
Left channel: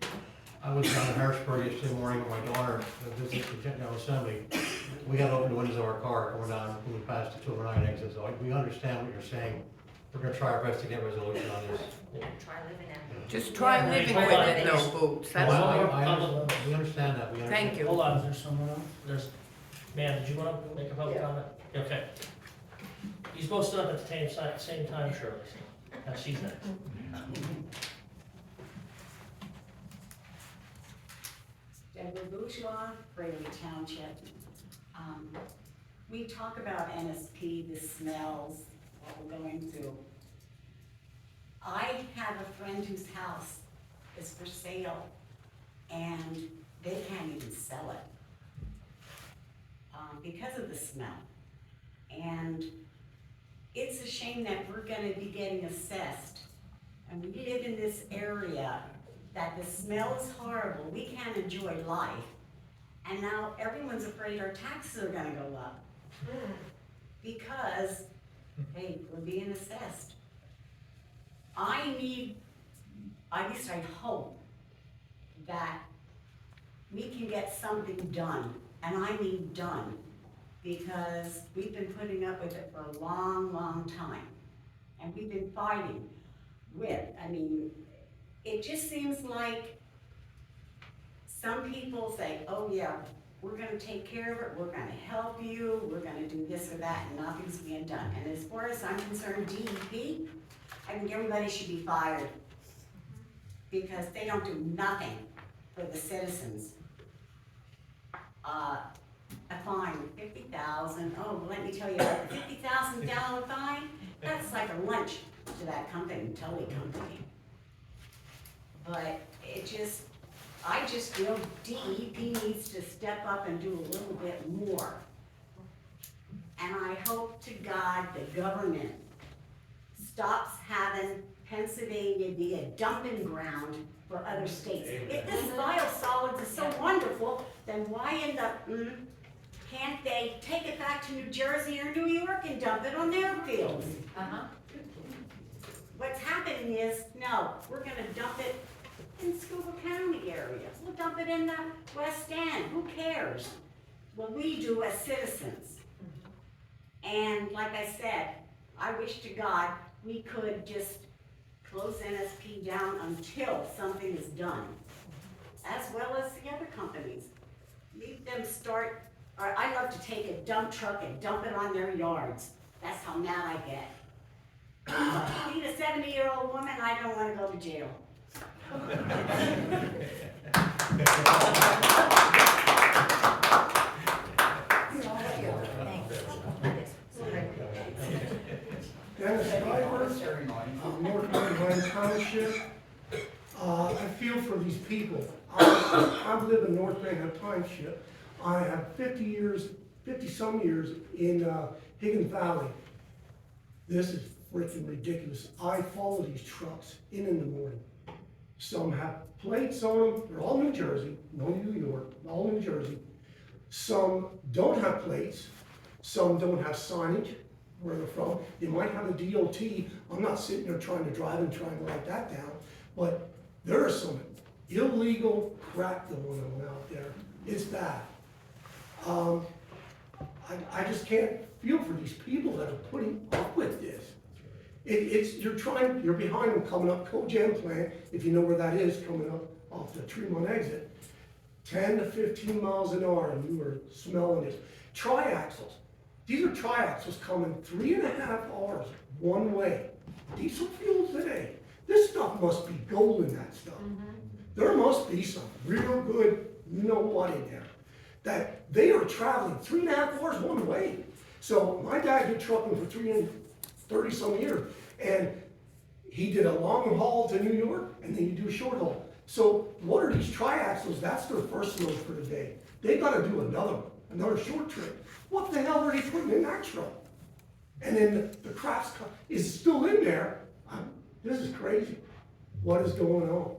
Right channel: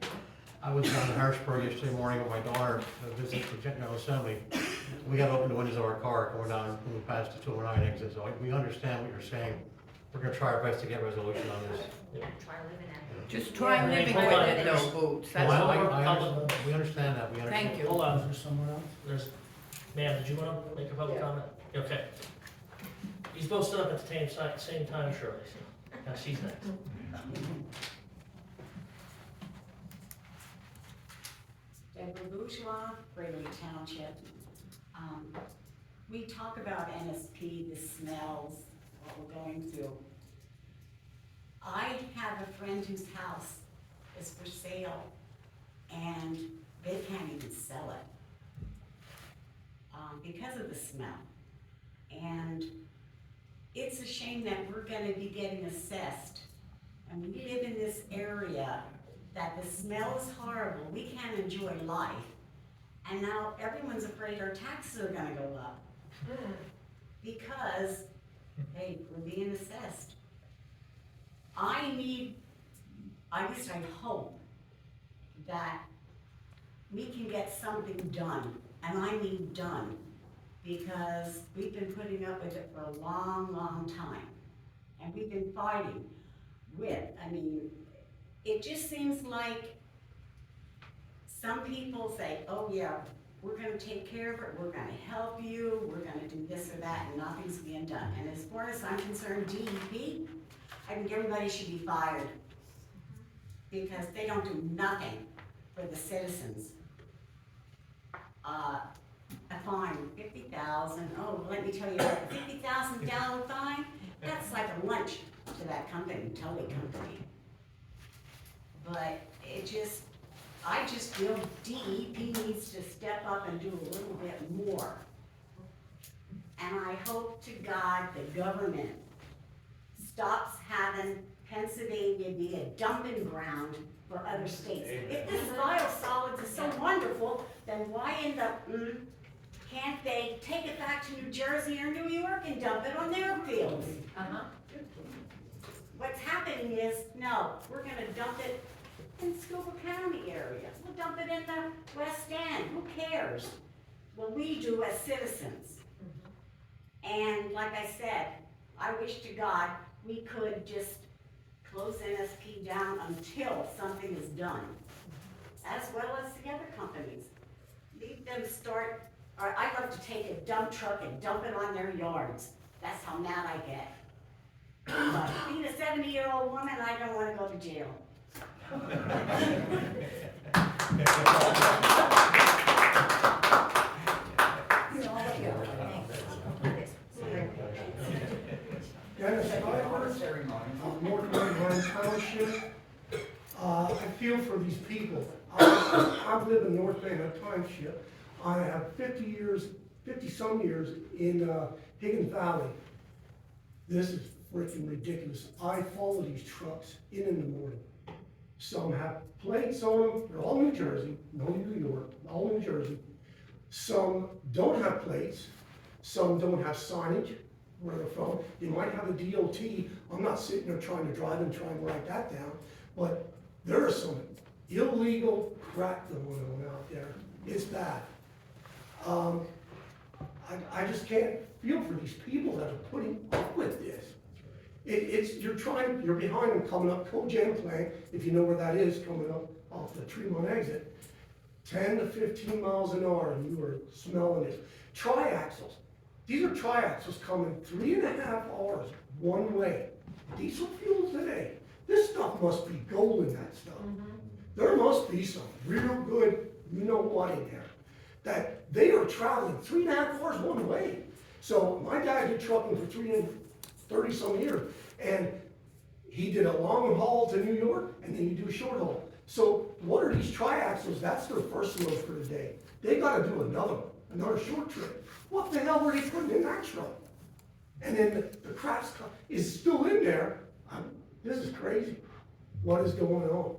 I was down in Harrisburg yesterday morning with my daughter to visit the General Assembly. We got to open the windows of our car going down when we passed the 209 exit, so we understand what you're saying. We're gonna try our best to get resolution on this. Just try Yeah, living hold with on, it, no there's- boots. No, That's all. we understand that, we understand. Thank you. Hold on, there's someone else? Ma'am, did you wanna make a public comment? Okay. He's both stood up at the same time, Shirley. Now she's next. Deborah Bourgeois, Gregory Township. We talk about NSP, the smells that we're going through. I have a friend whose house is for sale and they can't even sell it because of the smell. And it's a shame that we're gonna be getting assessed. And we live in this area that the smell is horrible, we can't enjoy life. And now everyone's afraid our taxes are gonna go up. Because, hey, we're being assessed. I hope that we can get something done, and I mean done, because we've been putting up with it for a long, long time. And we've been fighting with, it just seems like some people say, oh yeah, we're gonna take care of it, we're gonna help you, we're gonna do this or that, and nothing's being done. And as far as I'm concerned, DEP, I think everybody should be fired because they don't do nothing for the citizens. A fine, $50,000, oh, let me tell you, a $50,000 fine, that's like a lunch to that company, Tully Company. But I just feel DEP needs to step up and do a little bit more. And I hope to God the government stops having Pennsylvania be a dumping ground for other states. If this biosolids is so wonderful, then why end up, can't they take it back to New Jersey or New York and dump it on their fields? What's happening is, no, we're gonna dump it in Schuylkill County area. We'll dump it in the West End, who cares? Well, we do as citizens. And like I said, I wish to God we could just close NSP down until something is done, as well as the other companies. Leave them start, or I love to take a dump truck and dump it on their yards. That's how mad I get. But being a 70-year-old woman, I don't want to go to jail. Dennis Driver, North Carolina Township. I feel for these people. I've lived in North Carolina Township. I have 50-some years in Higgins Valley. This is freaking ridiculous. I follow these trucks in the morning. Some have plates on them, they're all New Jersey, no New York, all New Jersey. Some don't have plates, some don't have signage, where they're from. They might have a DOT, I'm not sitting there trying to drive and trying to write that down, but there is some illegal crap going on out there. It's bad. I just can't feel for these people that are putting up with this. You're behind them coming up Cogen plant, if you know where that is, coming up off the Tremont exit, 10 to 15 miles an hour, and you are smelling it. Triaxles. These are triaxles coming 3.5 hours one way. Diesel fuel today. This stuff must be gold in that stuff. There must be some real good, you know what in there. That they are traveling 3.5 hours one way. So my dad did trucking for 30-some years, and he did a long haul to New York, and then you do short haul. So what are these triaxles? That's their first load for the day. They gotta do another short trip. What the hell were they putting in that truck? And then the is still in there. This is crazy. What is going on?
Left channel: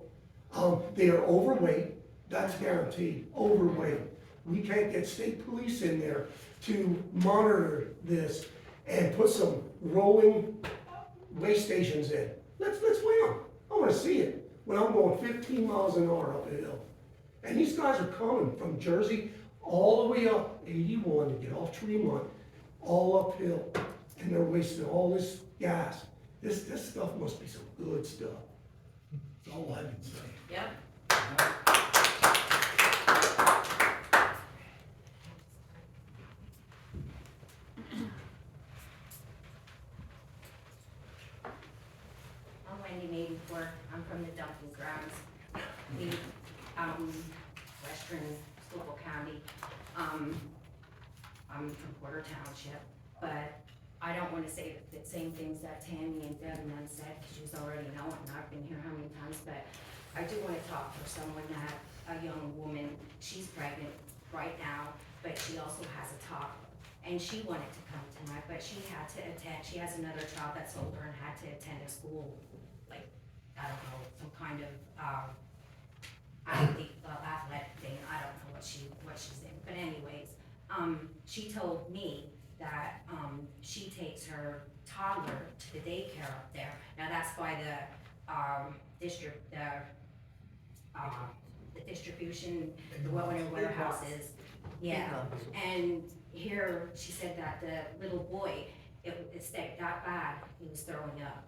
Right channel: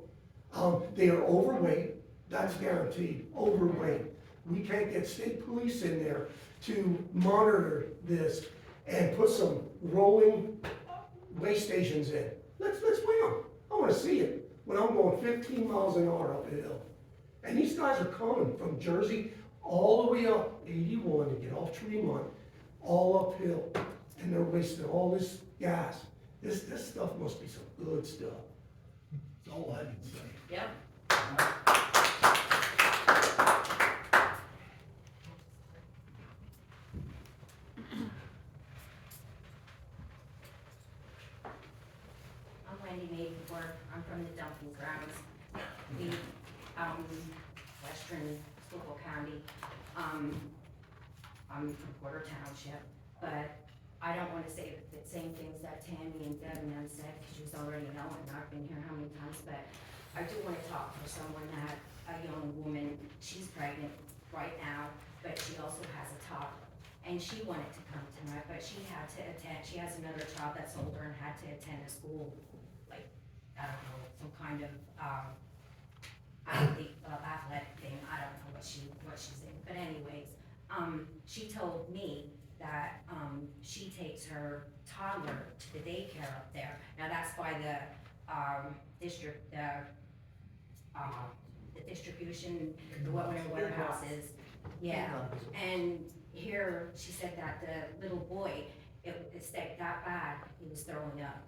They are overweight, that's guaranteed, overweight. We can't get state police in there to monitor this and put some rolling weigh stations in. Let's weigh them. I wanna see it when I'm going 15 miles an hour up a hill. And these guys are coming from Jersey all the way up 81 to get off Tremont, all uphill. And they're wasting all this gas. This stuff must be some good stuff. That's all I can say. Yep. I'm Wendy Maidenforth. I'm from the dumping grounds. We, western Schuylkill County. I'm from Porter Township, but I don't wanna say the same things that Tammy and Deb and them said, cause you already know it, and I've been here how many times, but I do wanna talk to someone that, a young woman, she's pregnant right now, but she also has a top. And she wanted to come tonight, but she had to attend, she has another child that's older and had to attend a school, like, I don't know, some kind of, athletic thing, I don't know what she's in, but anyways, she told me that, she takes her toddler to the daycare up there. Now, that's by the distribution, the warehouses, yeah, and here, she said that the little boy, it stayed that bad, he was throwing up,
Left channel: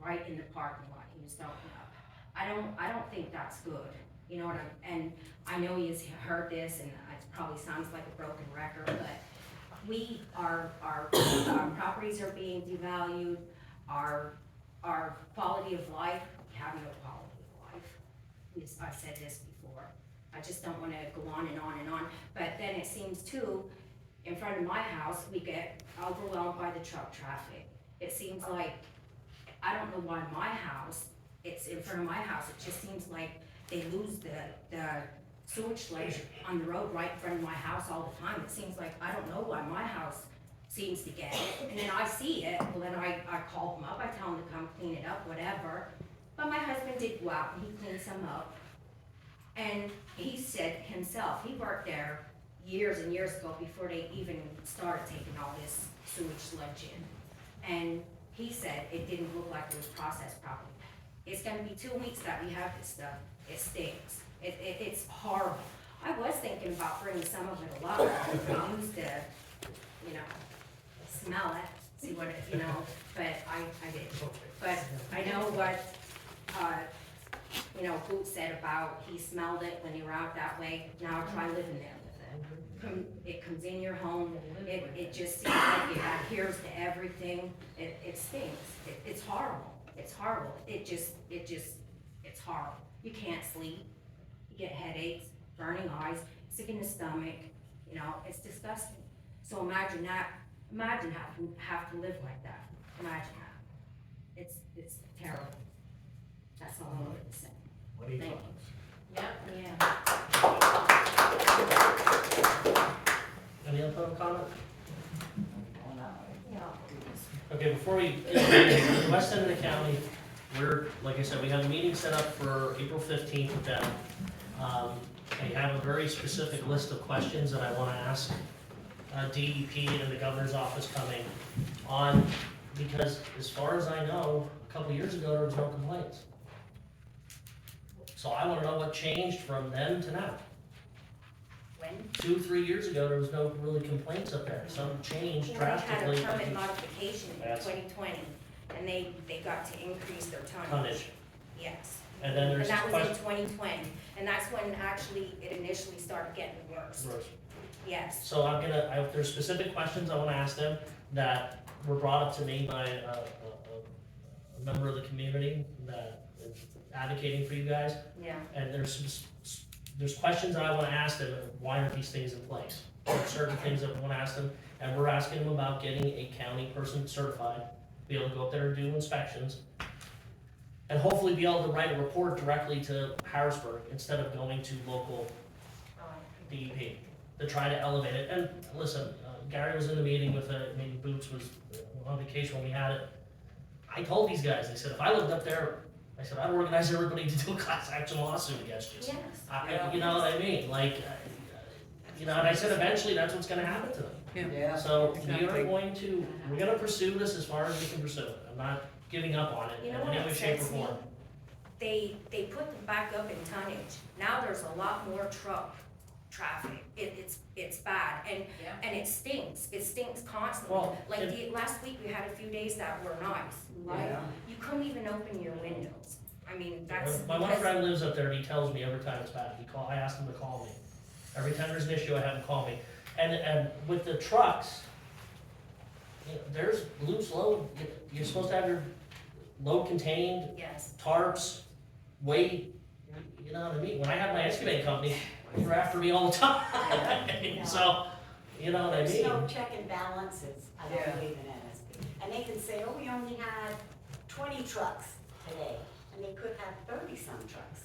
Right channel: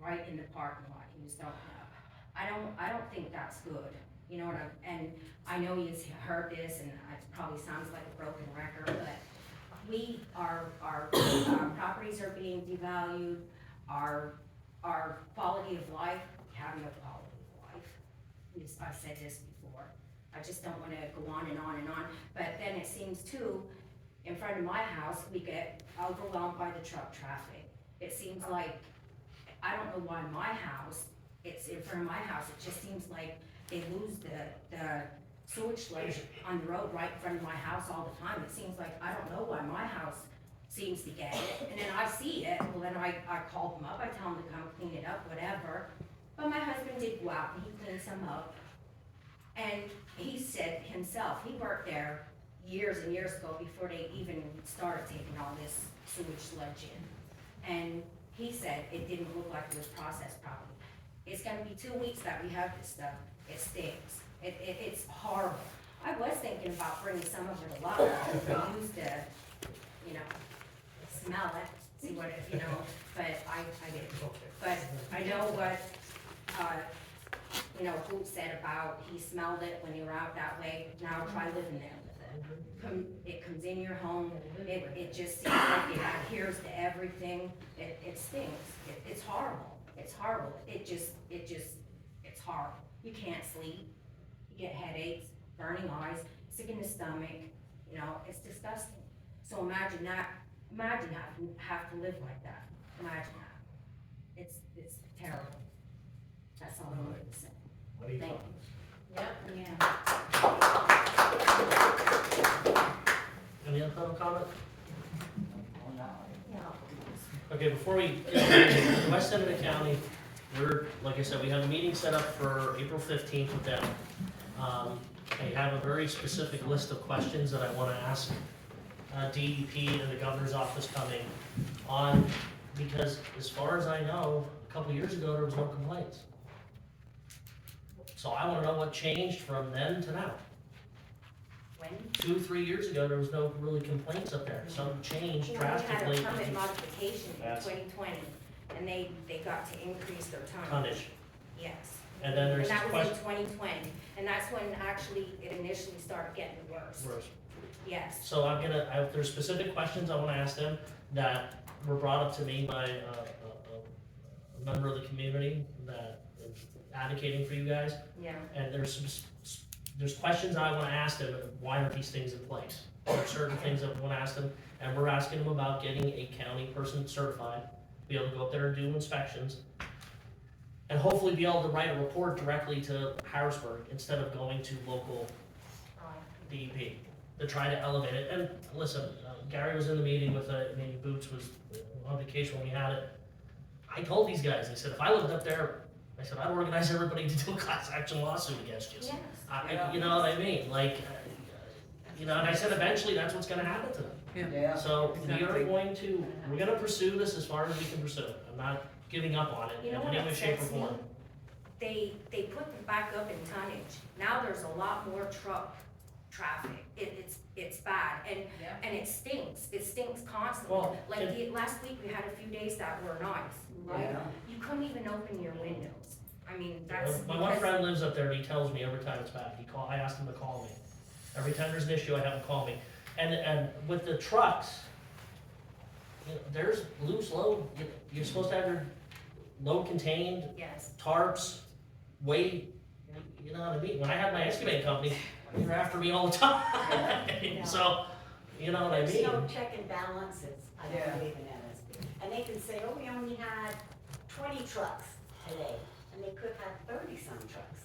right in the parking lot, he was throwing up. I don't think that's good, you know what and I know he's heard this, and it probably sounds like a broken record, but our properties are being devalued, our quality of life, we have no quality of life. I've said this before, I just don't wanna go on and on and on, but then it seems too, in front of my house, we get overwhelmed by the truck traffic. It seems like, I don't know why my house, it's in front of my house, it just seems like they lose the sewage sludge on the road right in front of my house all the time. It seems like, I don't know why my house seems to get it, and then I see it, well then I call them up, I tell them to come clean it up, whatever. But my husband did go out and he cleaned some up. And he said himself, he worked there years and years ago before they even started taking all this sewage sludge in. And he said it didn't look like it was processed properly. It's gonna be 2 weeks that we have this stuff. It stinks. It's horrible. I was thinking about bringing some of it along, use the, smell it, see what it, but I didn't. But I know what, Hoot said about he smelled it when you were out that way. Now try living there with it. It comes in your home, it just seems like it adheres to everything. It stinks. It's horrible. It's horrible. It's horrible. You can't sleep. You get headaches, burning eyes, sick in the stomach. It's disgusting. So imagine that. Imagine have to live like that. Imagine that. It's terrible. That's all I'm going to say. What do you Thank think? you. Yeah. Any other public comment? Yeah. Okay, before we get to west end of the county, like I said, we have a meeting set up for April 15th with them. I have a very specific list of questions that I want to ask DEP and the governor's office coming on, because as far as I know, a couple years ago, there was no complaints. So I want to know what changed from then to now. When? 2-3 years ago, there was no really complaints up there. Something changed drastically. We had a permit modification in Yes. 2020, and they got to increase their tonnage. Tonnage. Yes. And then there's And that was in question. 2020, and that's when actually it initially started getting worse. Yes. So there's specific questions I want to ask them that were brought up to me by a member of the community that is advocating for you guys. Yeah. And there's questions that I want to ask them, why aren't these things in place? There are certain things that we want to ask them, and we're asking them about getting a county person certified, be able to go up there and do inspections, and hopefully be able to write a report directly to Harrisburg instead of going to local DEP. to try to elevate it. And listen, Gary was in the meeting with, maybe Boots was on vacation when we had it. I told these guys, I said, if I lived up there, I said, I'd organize everybody to do a class action lawsuit against you. Yes. You know what I mean? Like, you know, and I said, eventually, that's what's gonna happen to them. Yeah. So we are Exactly. we're gonna pursue this as far as we can pursue it. I'm not giving up on it You in know any what way, shape, or upsets me? form. They put them back up in tonnage. Now there's a lot more truck traffic. It's bad, and it stinks constantly. Well, Like last week, we had a few days that were nice, right? Yeah. You couldn't even open your windows. I mean, that's. My one because- friend lives up there, and he tells me every time it's bad, I ask him to call me. Every time there's an issue, I have him call me. And with the trucks, you know, there's loose load, you're supposed to have your load contained, Yes. tarps, weight, you know what I mean? When I had my excavating company, they were after me all the time. So, you know what I There's no mean? check and balances, I Yeah. don't believe in NSP. And they can say, oh, we only had 20 trucks today, and they could have 30-some trucks.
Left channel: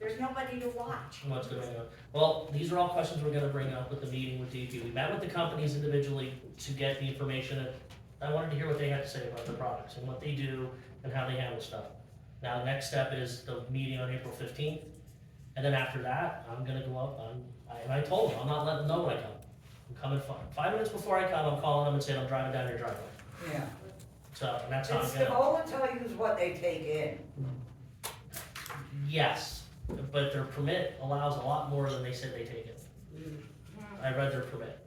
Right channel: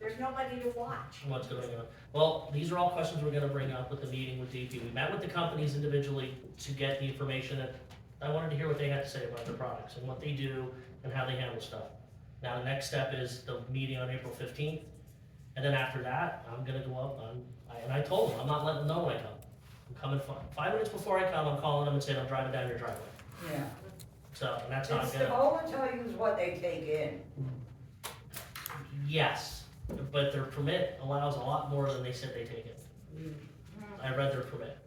There's nobody to watch. What's going on? Well, these are all questions we're gonna bring up with the meeting with DP. We met with the companies individually to get the information, and I wanted to hear what they had to say about their products and what they do and how they handle stuff. Now, the next step is the meeting on April 15th, and then after that, I'm gonna go up, and I told them, I'm not letting them know when I come. I'm coming 5 minutes before I come, I'm calling them and saying, I'm driving down your driveway. Yeah. So, and that's how I'm It's gonna. the moment tell you is what they take in. Yes, but their permit allows a lot more than they said they take in. I read their permit.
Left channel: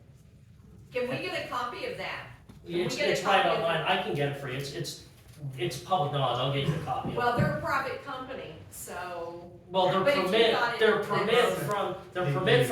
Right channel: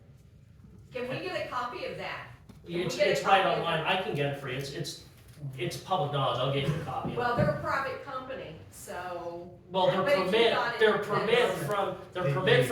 Can we get a copy of that? Can we It's, get a it's right copy of online, it? I can get it for you, it's public knowledge, I'll give you a copy of it. Well, they're a private company, so. Well, I bet you got it. their permit from the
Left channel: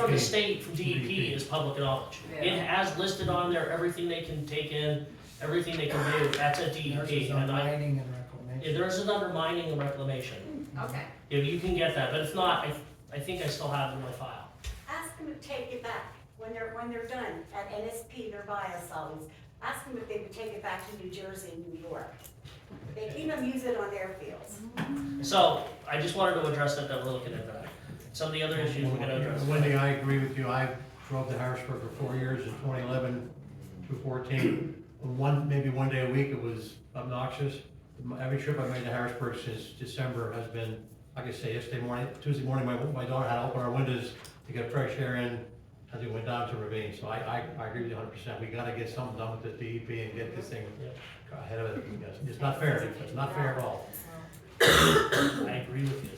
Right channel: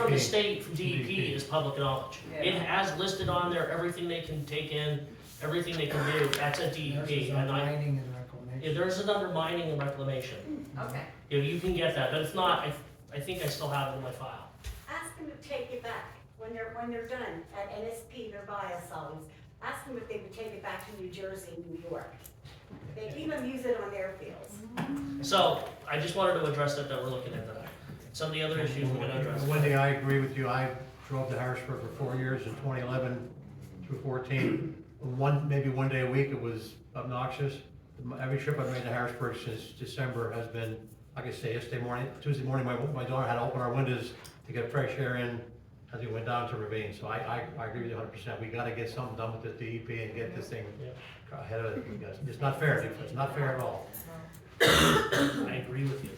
DEP. state, from DEP is public knowledge. It Yeah. has listed on there everything they can take in, everything they can do, that's at DEP, and there's an under mining and reclamation. Okay. If you can get that, but if not, I think I still have it in my file. Ask them to take it back when they're done at NSP, their biosolids. Ask them if they would take it back to New Jersey and New York. They even use it on their fields. So, I just wanted to address that we're looking at tonight. Some of the other issues we're gonna address. Wendy, I agree with you. I drove to Harrisburg for 4 years, in 2011 through 14. Maybe one day a week, it was obnoxious. Every trip I've made to Harrisburg since December has been, like I say, Tuesday morning, my daughter had to open our windows to get fresh air in as we went down to Ravine. So I agree with you 100%. We gotta get something done with this DEP and get this thing ahead of it. It's not fair. It's not fair at all. I agree with you.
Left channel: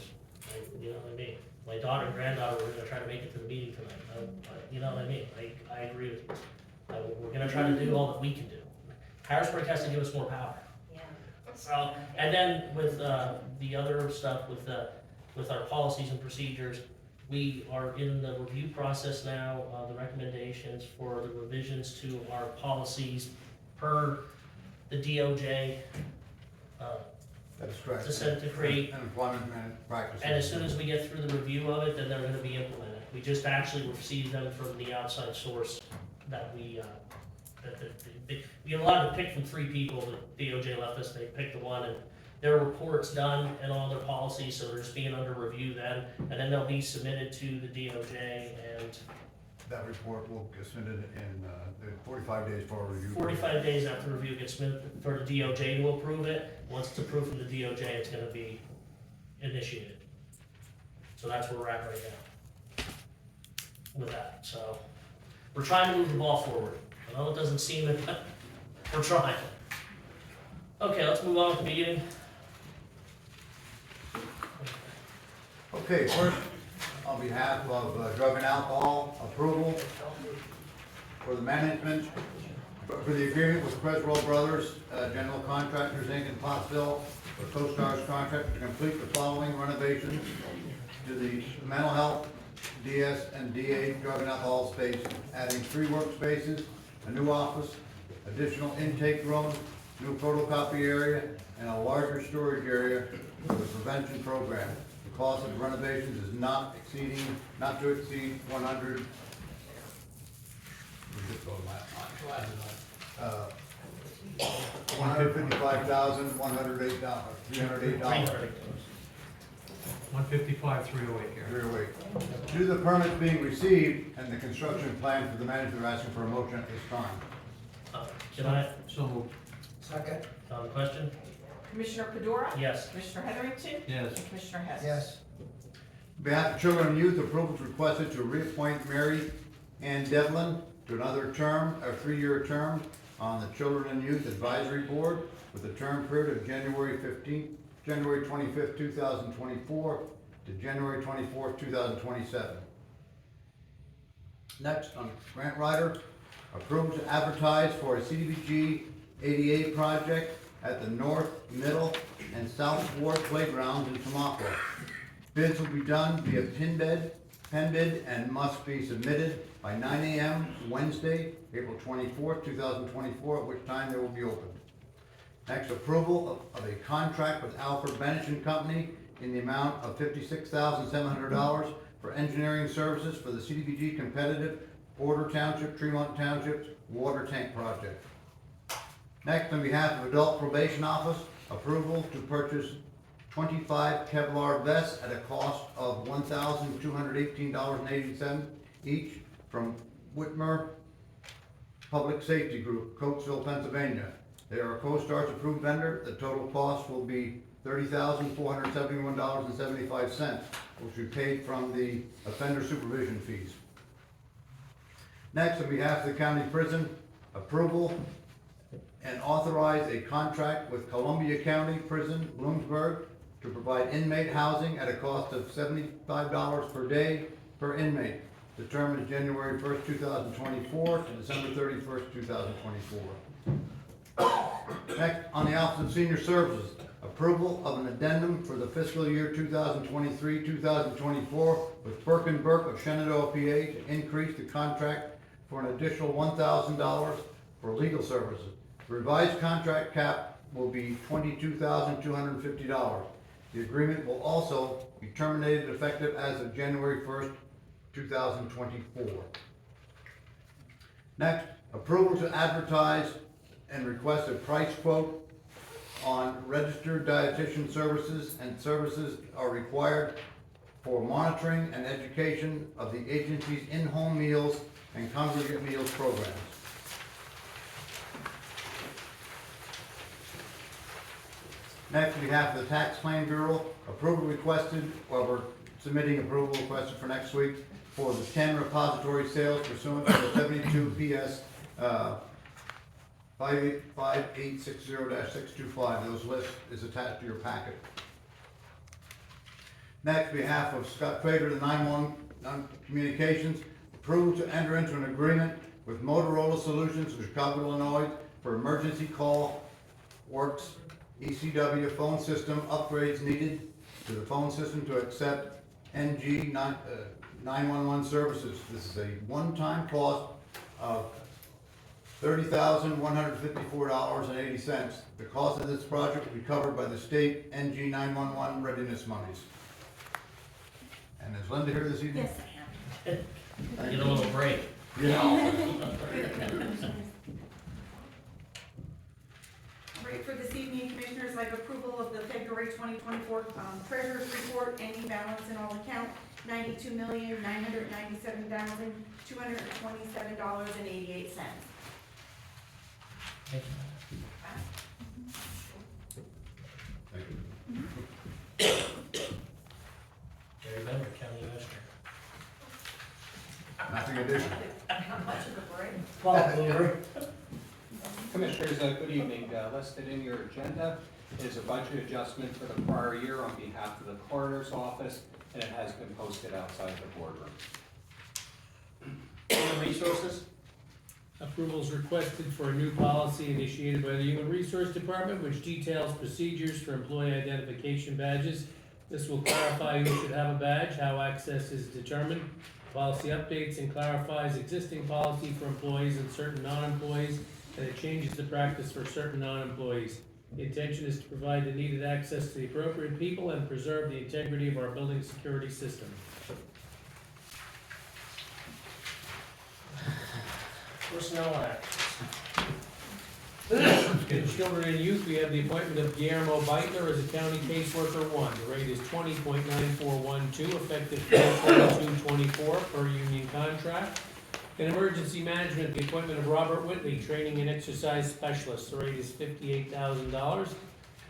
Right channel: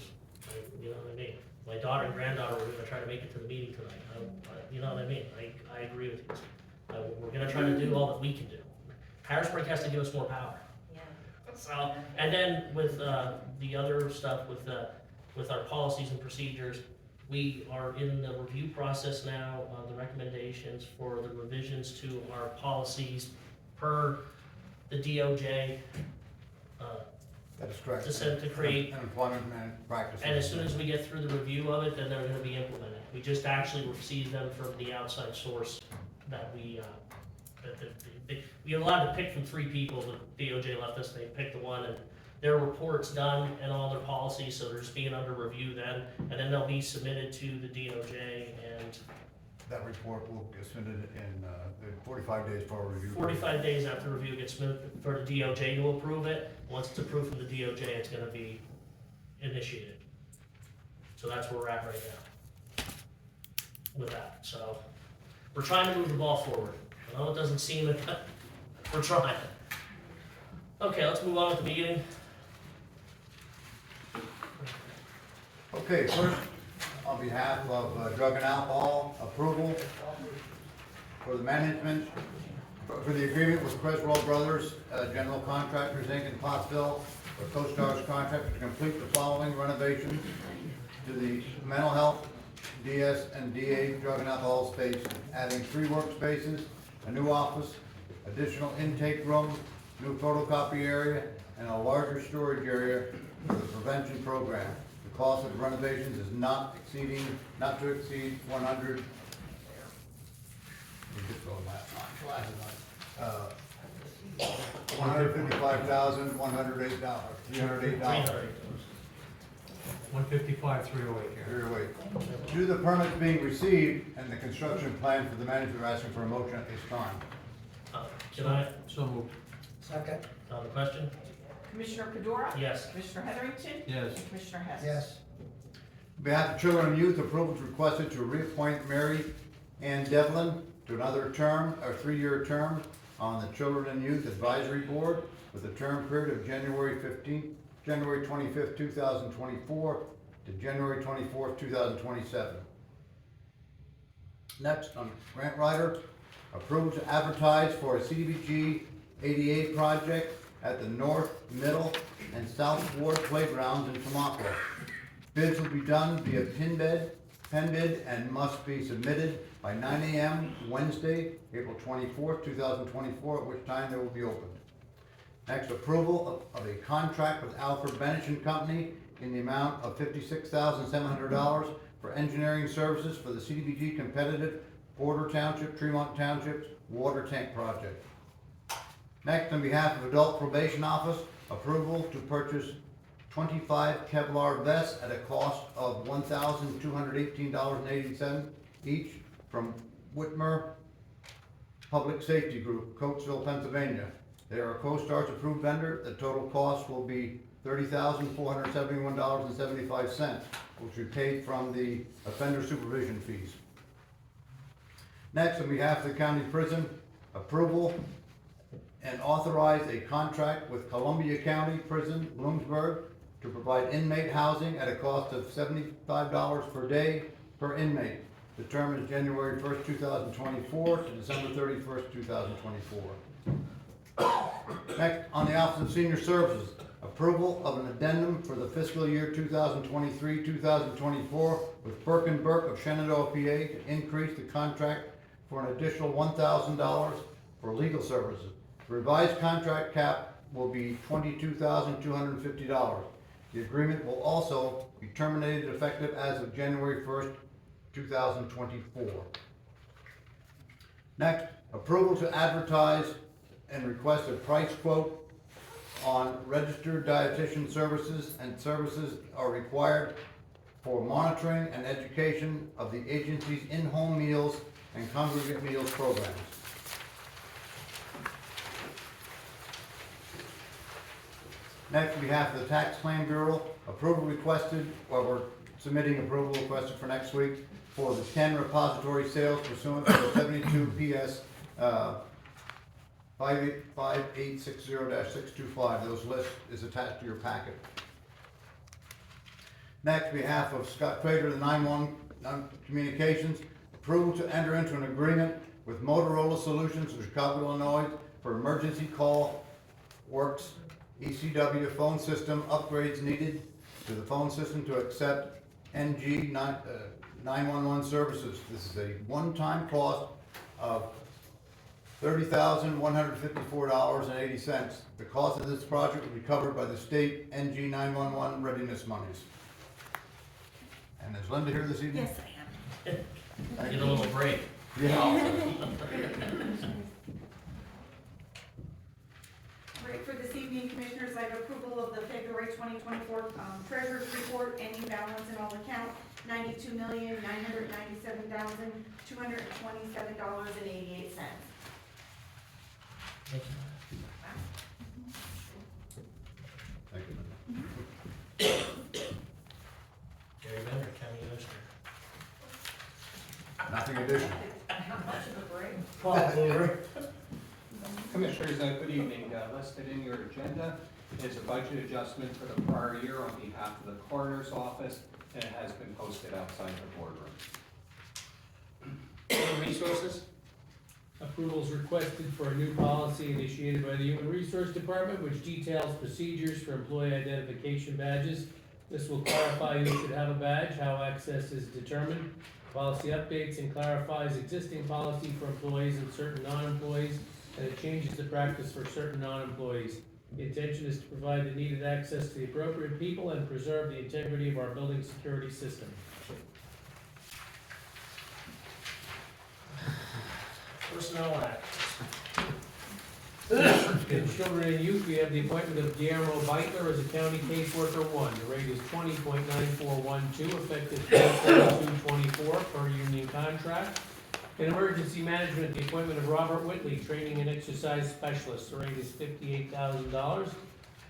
You know what I mean? My daughter and granddaughter were gonna try to make it to the meeting tonight. You know what I mean? I agree with you. We're gonna try to do all that we can do. Harrisburg has to give us more power. So, and then with, the other stuff with our policies and procedures, we are in the review process now, the recommendations for the revisions to our policies per the DOJ, That's correct. to create. Employment practices. And as soon as we get through the review of it, then they're gonna be implemented. We just actually received them from the outside source that we allowed to pick from 3 people. The DOJ left us, they picked the one, and their report's done and all their policies, so they're just being under review then. And then they'll be submitted to the DOJ, and That report will get submitted in, the 45 days for review. 45 days after review gets submitted for the DOJ to approve it. Once it's approved from the DOJ, it's gonna be initiated. So that's where we're at right now with that. So we're trying to move the ball forward. I know it doesn't seem it, but we're trying. Okay, let's move on with the meeting. Okay, first, on behalf of drug and alcohol, approval for the management, for the agreement with Creswell Brothers, General Contractors, Inc. in Pottsville, for Coast Guard's contract to complete the following renovations to the mental health, DS and DA drug and alcohol station, adding 3 workspaces, a new office, additional intake room, new photocopy area, and a larger storage area for the prevention program. The cost of the renovations is not to exceed $155,108. $308. 155-308 here. Here, wait. Due to the permits being received and the construction plan for the management, we're asking for a motion at this time. Can I, So moved. Second. the question? Commissioner Fedora? Yes. Commissioner Heatherington? Yes. And Commissioner Hess? Yes. On behalf of Children and Youth, approval is requested to reappoint Mary Ann Devlin to another term, a 3-year term on the Children and Youth Advisory Board with a term period of January 25th, 2024 to January 24th, 2027. Next, on grant writer, approval to advertise for a CDBG 88 project at the North, Middle, and South Ward Playgrounds in Tamaqua. Bids will be done via pen bid, and must be submitted by 9 a.m. Wednesday, April 24th, 2024, at which time they will be opened. Next, approval of a contract with Alfred Benish and Company in the amount of $56,700 for engineering services for the CDBG competitive Porter Township, Tremont Township water tank project. Next, on behalf of Adult Probation Office, approval to purchase 25 Kevlar vests at a cost of $1,218.80 each from Whitmer Public Safety Group, Coatesville, Pennsylvania. They are a CoStarz approved vendor. The total cost will be $30,471.75, which we paid from the offender supervision fees. Next, on behalf of the county prison, approval and authorize a contract with Columbia County Prison, Bloomsburg, to provide inmate housing at a cost of $75 per day per inmate. The term is January 1st, 2024 to December 31st, 2024. Next, on the Office of Senior Services, approval of an addendum for the fiscal year 2023-2024 with Burke & Burke of Shenandoah, PA, to increase the contract for an additional $1,000 for legal services. The revised contract cap will be $22,250. The agreement will also be terminated effective as of January 1st, 2024. Next, approval to advertise and request a price quote on registered dietitian services, and services are required for monitoring and education of the agency's in-home meals and congregate meals programs. Next, on behalf of the Tax Claim Bureau, approval requested, or we're submitting approval requested for next week for the 10 repository sales pursuant to the 72 PS 585860-625. Those list is attached to your packet. Next, on behalf of Scott Crater, the 911 Communications, approval to enter into an agreement with Motorola Solutions of Chicago, Illinois for emergency call works ECW phone system upgrades needed to the phone system to accept NG 911 services. This is a one-time cost of $30,154.80. The cost of this project will be covered by the state NG 911 readiness monies. And is Linda here this evening? Yes, I am. Get a little break. Yeah. Right, for this evening, Commissioners, I have approval of the February 2024 treasurer's report, ending balance in all account, $92,997,227.88. Thank Thank you. Gary Bender, County Commissioner. Nothing additional. Commissioners, good evening. Listed in your agenda is a budget adjustment for the prior year on behalf of the coroner's office, and it has been posted outside the boardroom. Human Resources? Approval is requested for a new policy initiated by the Human Resource Department, which details procedures for employee identification badges. This will clarify who should have a badge, how access is determined. Policy updates and clarifies existing policy for employees and certain non-employees, and it changes the practice for certain non-employees. The intention is to provide the needed access to the appropriate people and preserve the integrity of our building security system. Personnel Act. In children and youth, we have the appointment of Guillermo Beitler as a county caseworker one. The rate is 20.9412, effective 4/22/24 per union contract. In emergency management, the appointment of Robert Whitley, training and exercise specialist. The rate is $58,000,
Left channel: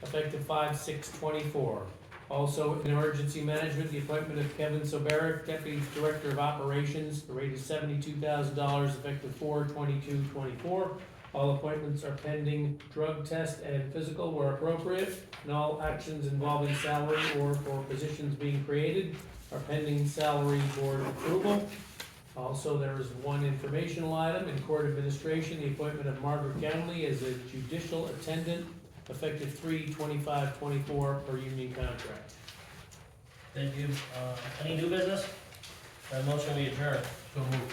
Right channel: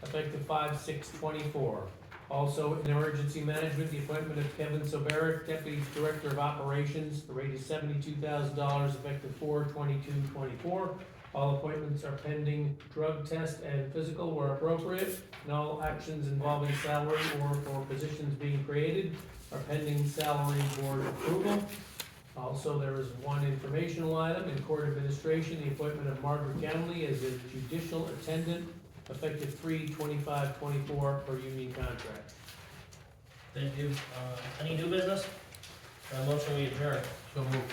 effective 5/6/24. Also, in emergency management, the appointment of Kevin Soberick, Deputy Director of Operations. The rate is $72,000, effective 4/22/24. All appointments are pending drug test and physical where appropriate, and all actions involving salary or for positions being created are pending salary board approval. Also, there is one informational item in court administration, the appointment of Margaret Ganley as a judicial attendant, effective 3/25/24 per union contract. Thank you. Any new business? Motion we adjourn. So moved.